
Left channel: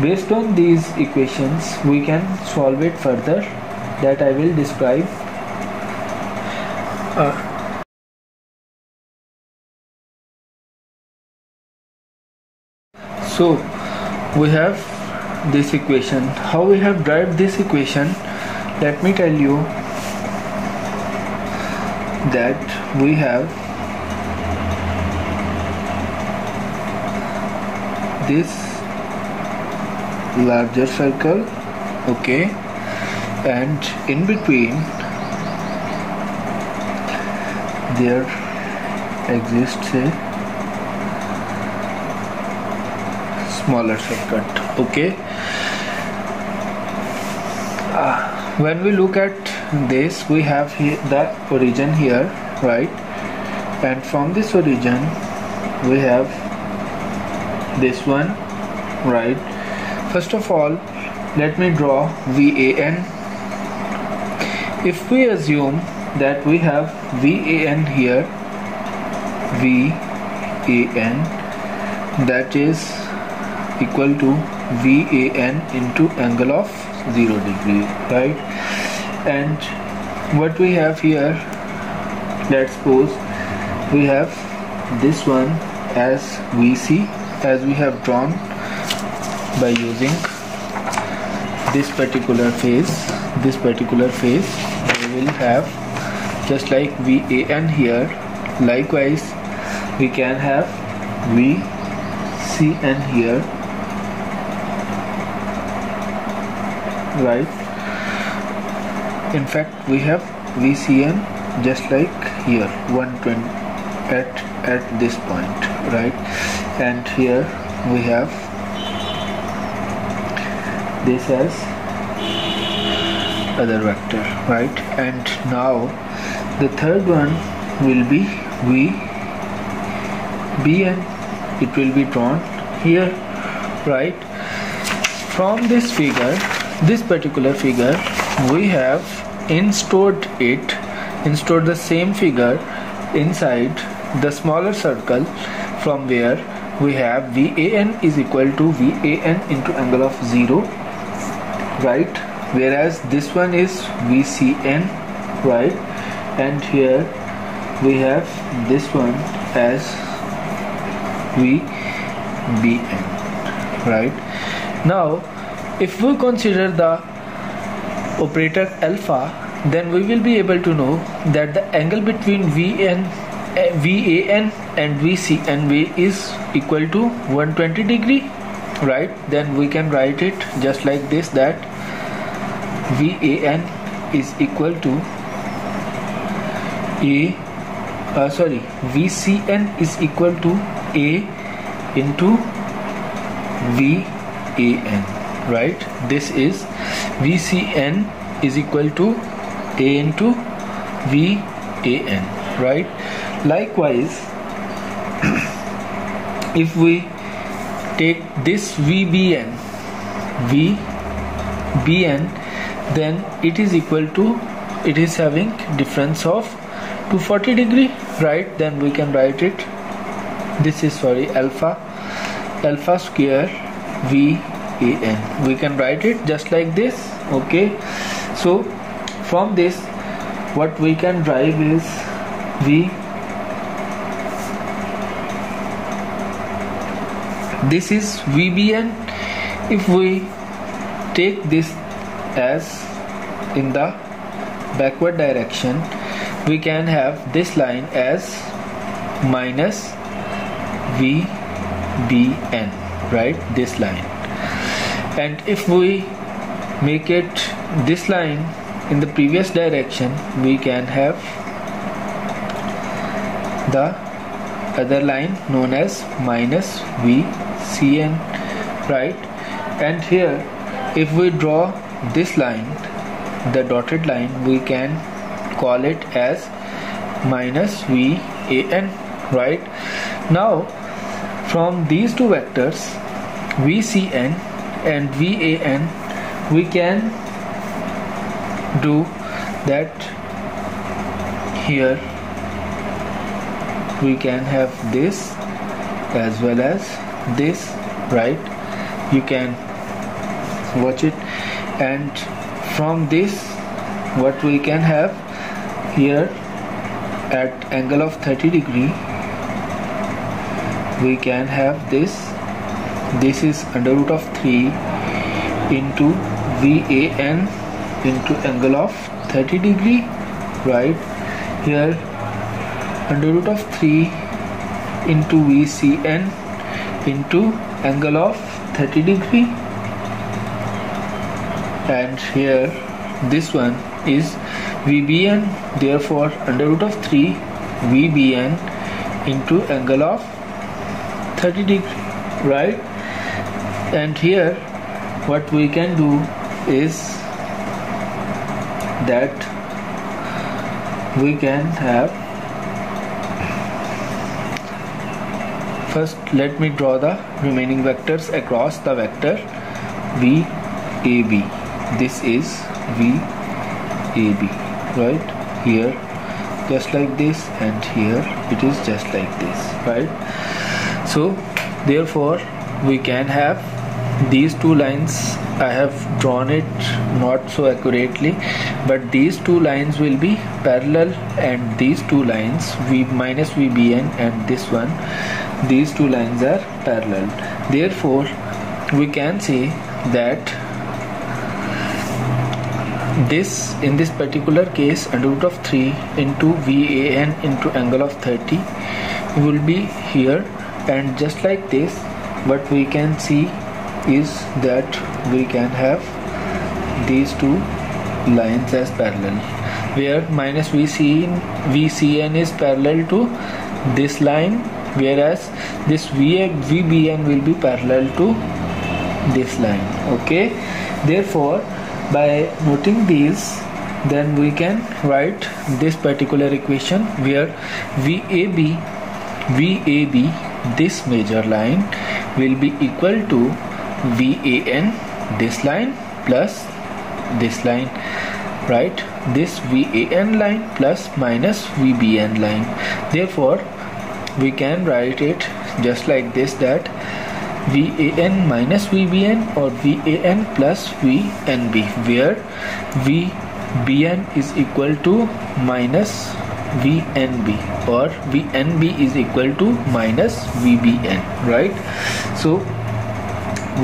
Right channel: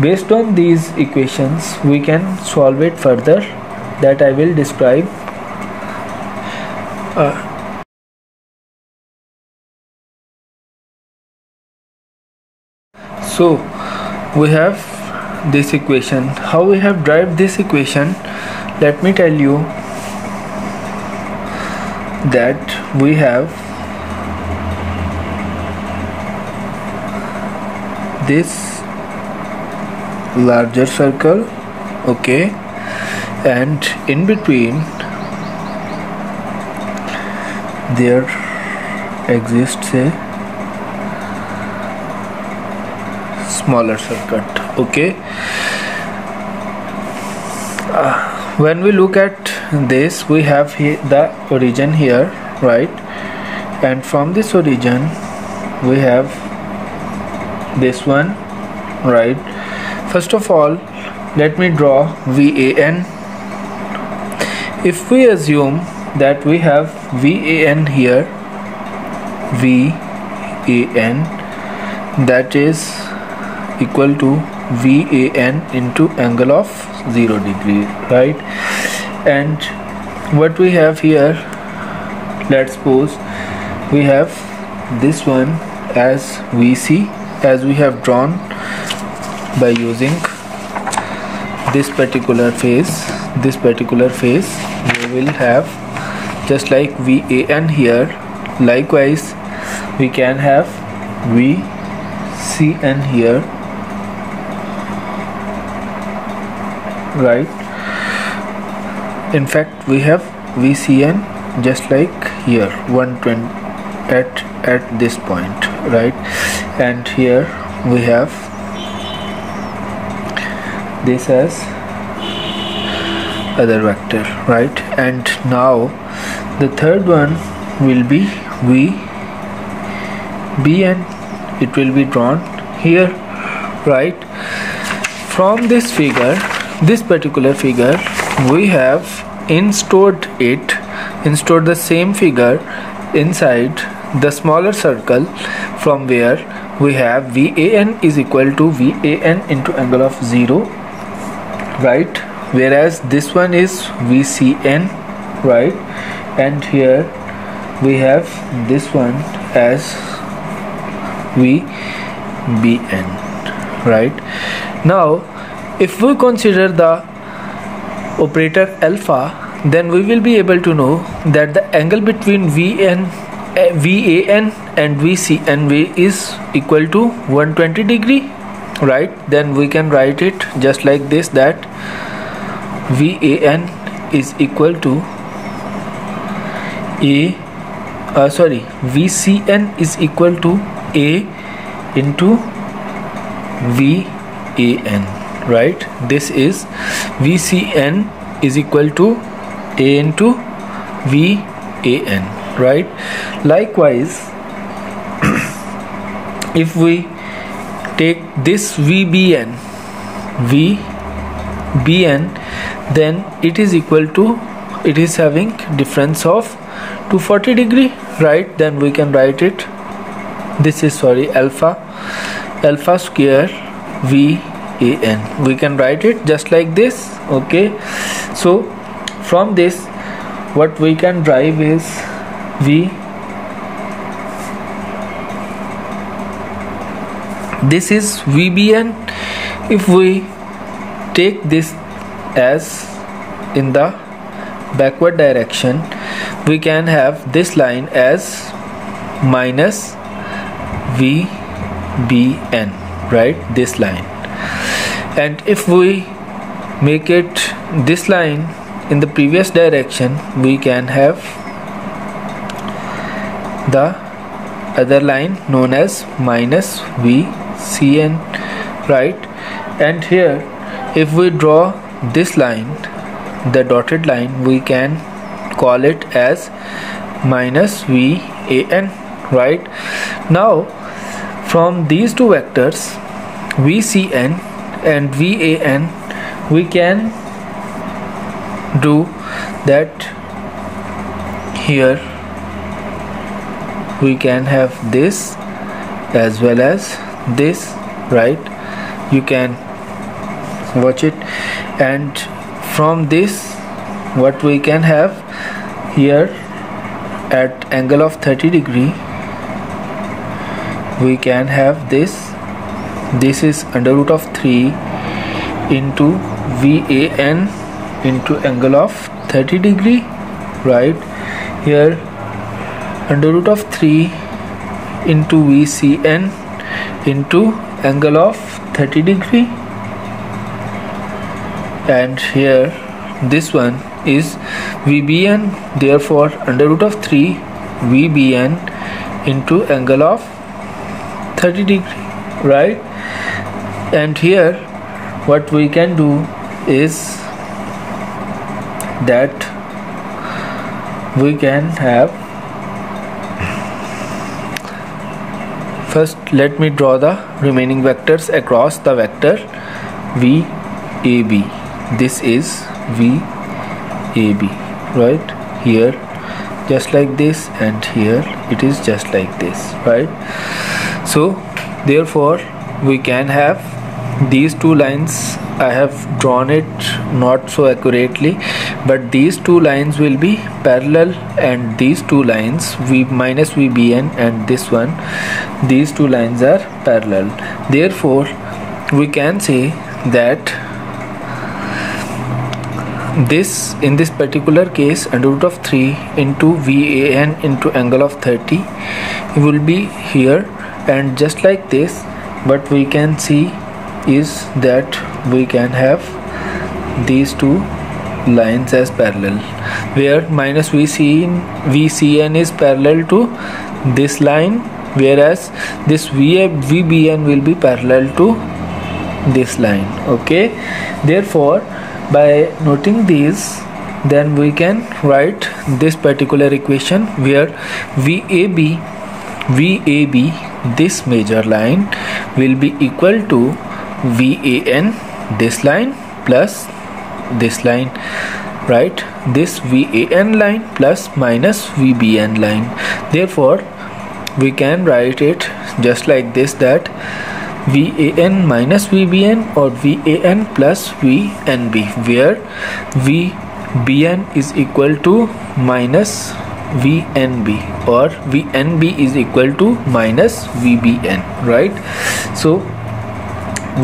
based on these equations we can solve it further, that I will describe. So we have this equation. How we have derived this equation? Let me tell you that we have this larger circle, okay, and in between there exists a smaller circuit, okay. When we look at this, we have here the origin here, right, and from this origin we have this one, right. First of all let me draw VAN. If we assume that we have VAN here, VAN, that is equal to VAN into angle of 0 degree, right. And what we have here, let's suppose we have this one as VC, as we have drawn by using this particular phase. This particular phase we will have just like VAN here. Likewise we can have VCN here, right. In fact we have VCN just like here 120 at this point, right. And here we have this as other vector, right. And now the third one will be VBN. It will be drawn here, right. From this figure, this particular figure, we have installed the same figure inside the smaller circle from where we have VAN is equal to VAN into angle of 0, right? Whereas this one is VCN, right? And here we have this one as VBN, right? Now if we consider the operator alpha, then we will be able to know that the angle between VAN and VCN is equal to 120 degree, right? Then we can write it just like this, that VAN is equal to VCN is equal to A into VAN, right? This is VCN is equal to A into VAN, right? Likewise, if we take this VBN, then it is equal to, it is having difference of 240 degree, right? Then we can write it, this is alpha square VAN. We can write it just like this, okay? So from this what we can derive is this is VBN. If we take this as in the backward direction, we can have this line as minus VBN, right? This line. And if we make it this line in the previous direction, we can have the other line known as minus VCN, right? And here if we draw this line, the dotted line, we can call it as minus VAN, right? Now from these two vectors VCN and VAN, we can do that. Here we can have this as well as this, right? You can watch it. And from this what we can have here at angle of 30 degree, we can have this is under root of 3 into VAN into angle of 30 degree, right? Here under root of 3 into VCN into angle of 30 degree, and here this one is VBN, therefore under root of 3 VBN into angle of 30 degree, right? And here what we can do is that we can have, first let me draw the remaining vectors across the vector VAB. This is VAB, right? Here just like this, and here it is just like this, right? So therefore we can have these two lines. I have drawn it not so accurately, but these two lines will be parallel, and these two lines V minus VBN and this one, these two lines are parallel. Therefore we can say that this, in this particular case, under root of 3 into VAN into angle of 30 will be here, and just like this what we can see is that we can have these two lines as parallel, where minus VCN is parallel to this line, whereas this VBN will be parallel to this line, okay? Therefore by noting these, then we can write this particular equation where VAB, this major line, will be equal to VAN, this line, plus this line, right? This VAN line plus minus VBN line. Therefore we can write it just like this, that VAN minus VBN or VAN plus VNB, where VBN is equal to minus VNB or VNB is equal to minus VBN, right? So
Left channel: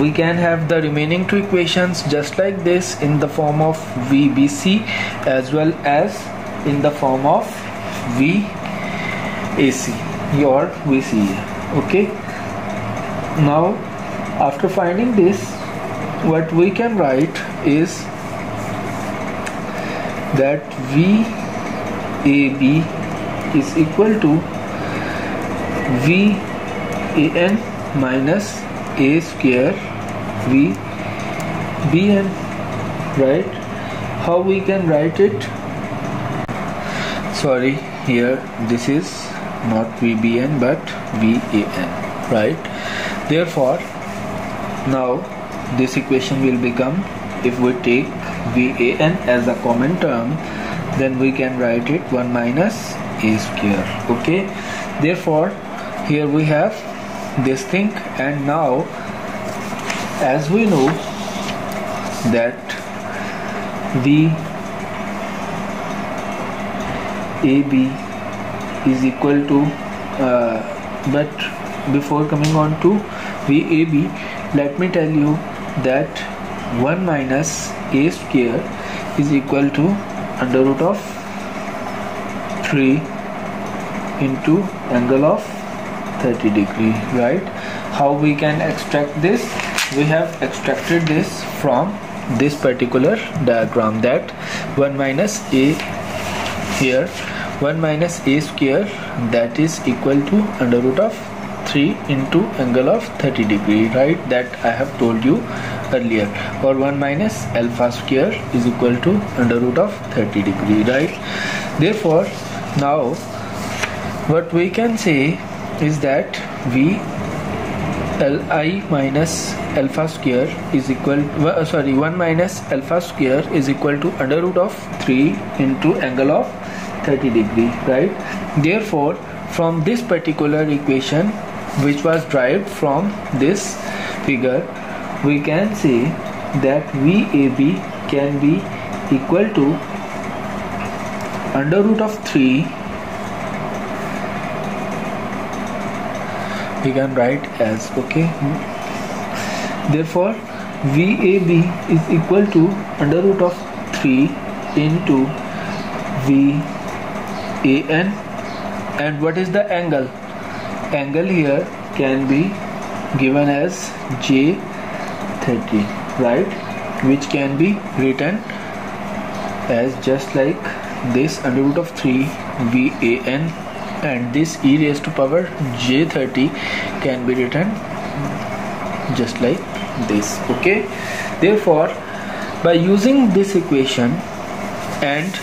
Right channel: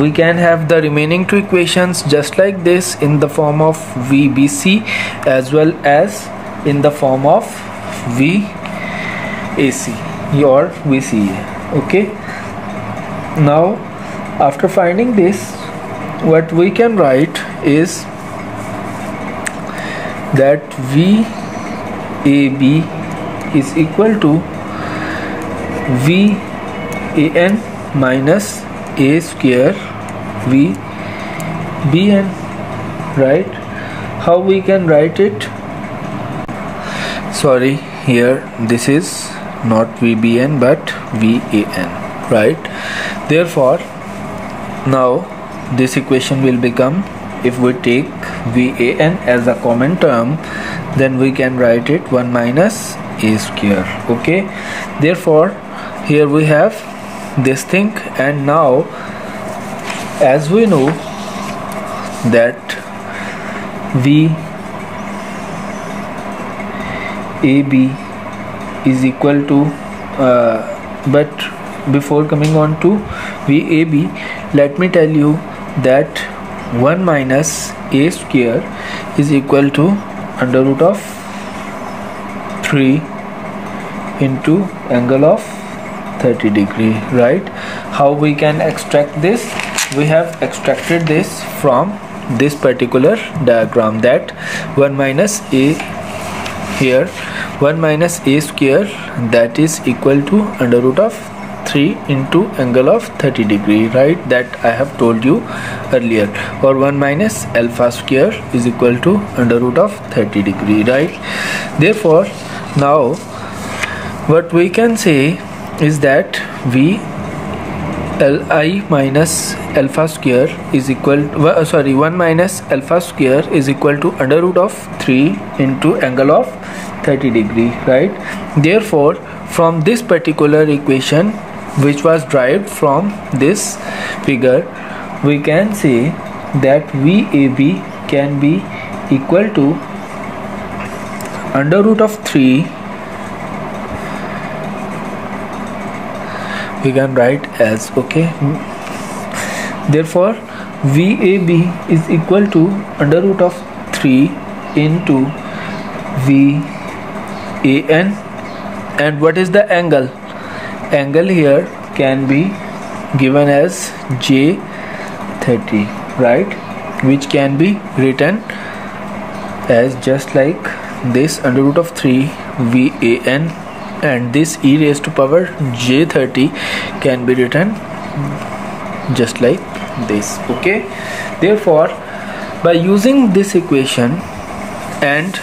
we can have the remaining two equations just like this in the form of VBC as well as in the form of VAC or VCA. Okay, now after finding this, what we can write is that VAB is equal to VAN minus A square VBN, right? How we can write it? Sorry, here this is not VBN but VAN, right? Therefore, now this equation will become, if we take VAN as a common term, then we can write it 1 minus A square. Okay, therefore here we have this thing, and now as we know that VAB is equal to but before coming on to VAB, let me tell you that 1 minus A square is equal to under root of 3 into angle of 30 degree, right? How we can extract this? We have extracted this from this particular diagram, that 1 minus A here, 1 minus A square, that is equal to under root of 3 into angle of 30 degree, right? That I have told you earlier. Or 1 minus alpha square is equal to under root of 30 degree, right? Therefore, now what we can say is that VLI minus alpha square is equal 1 minus alpha square is equal to under root of 3 into angle of 30 degree, right? Therefore, from this particular equation which was derived from this figure, we can say that VAB can be equal to under root of 3, we can write as, okay, therefore VAB is equal to under root of 3 into VAN, and what is the angle? Angle here can be given as J30, right, which can be written as just like this under root of 3 VAN, and this e raised to power J30 can be written just like this. Okay, therefore by using this equation and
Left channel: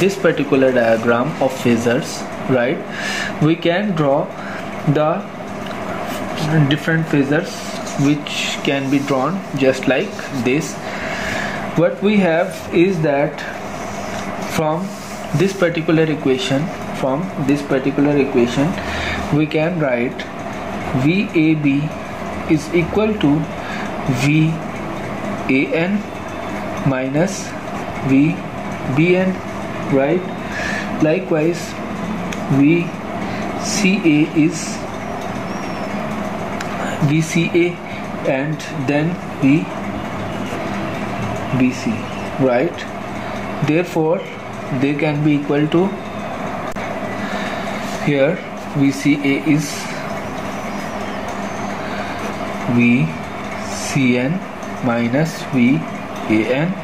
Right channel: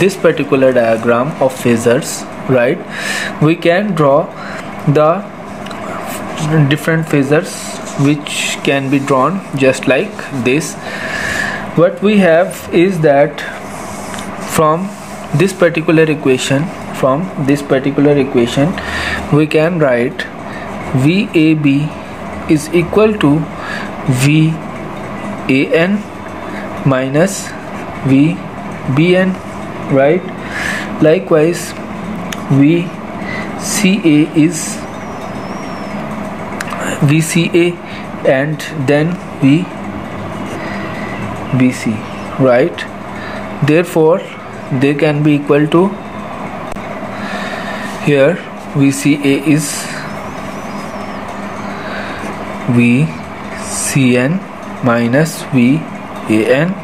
this particular diagram of phasors, right, we can draw the different phasors which can be drawn just like this. What we have is that from this particular equation, we can write VAB is equal to VAN minus VBN, right? Likewise, VCA is VCA and then VBC, right? Therefore, they can be equal to, here VCA is VCN minus VAN.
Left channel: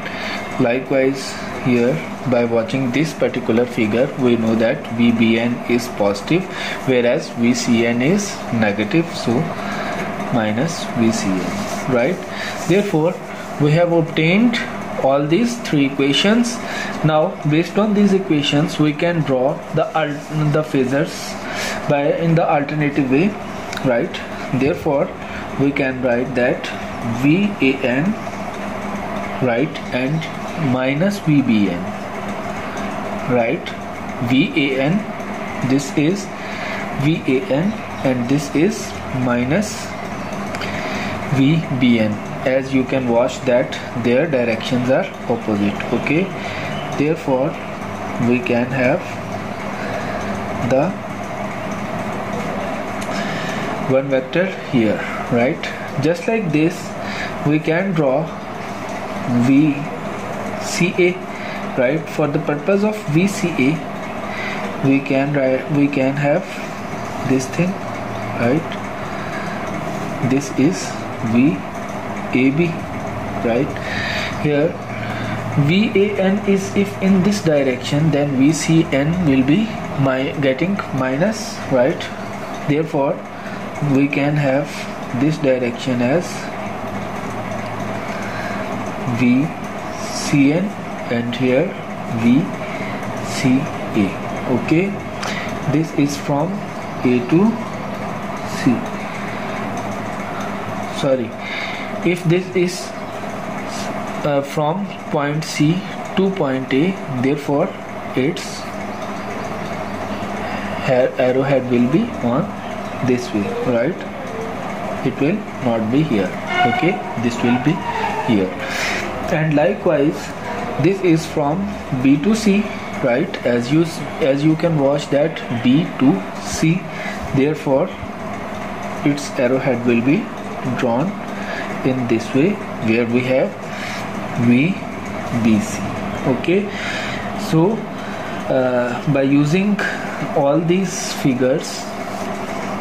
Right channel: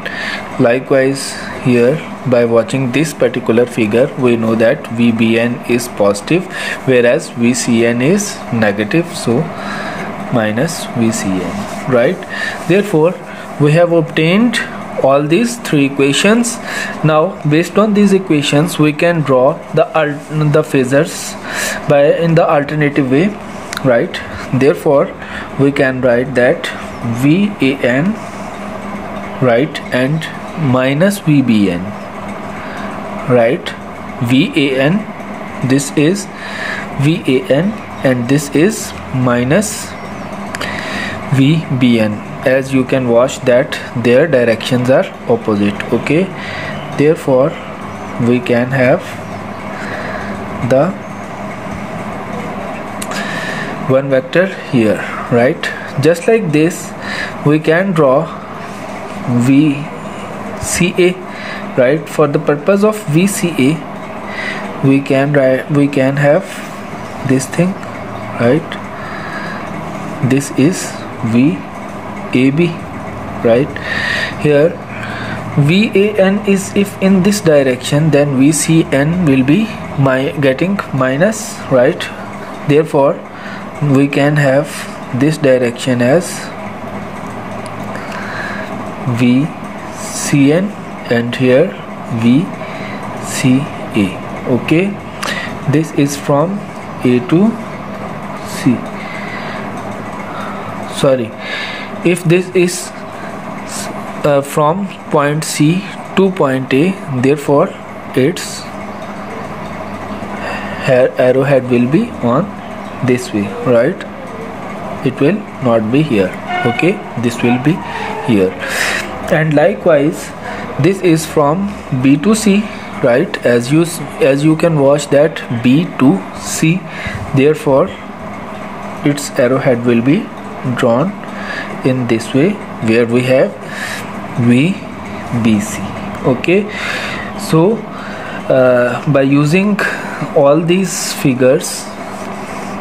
Likewise, here by watching this particular figure, we know that VBN is positive whereas VCN is negative, so minus VCN, right? Therefore, we have obtained all these three equations. Now based on these equations, we can draw the phasors in the alternative way, right? Therefore, we can write that VAN, right, and minus VBN, right? VAN, this is VAN, and this is minus VBN. As you can watch that their directions are opposite. Okay, therefore we can have the one vector here, right? Just like this we can draw VCA, right? For the purpose of VCA we can have this thing, right? This is VAB, right? Here VAN is if in this direction, then VCN will be getting minus, right? Therefore we can have this direction as VCN and here VCA. Okay, this is from A to C. Sorry, if this is from point C to point A, therefore its arrowhead will be on this way, right? It will not be here. Okay, this will be here. And likewise this is from B to C, right? As you can watch that B to C, therefore its arrowhead will be drawn in this way, where we have VBC. Okay, so by using all these figures,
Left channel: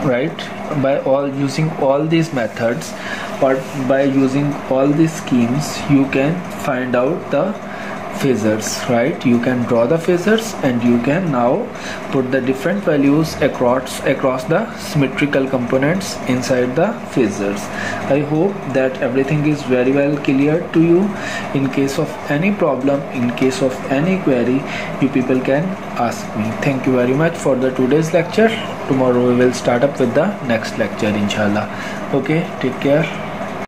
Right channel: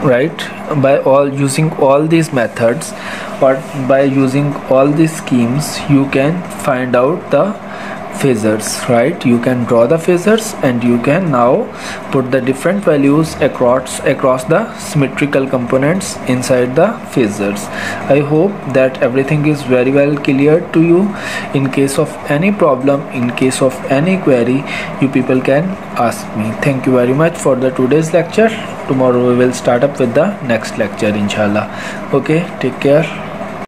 right, by using all these methods, or by using all these schemes, you can find out the phasors, right? You can draw the phasors and you can now put the different values across the symmetrical components inside the phasors. I hope that everything is very well clear to you. In case of any problem, in case of any query, you people can ask me. Thank you very much for the today's lecture. Tomorrow we will start up with the next lecture, inshallah. Okay, take care.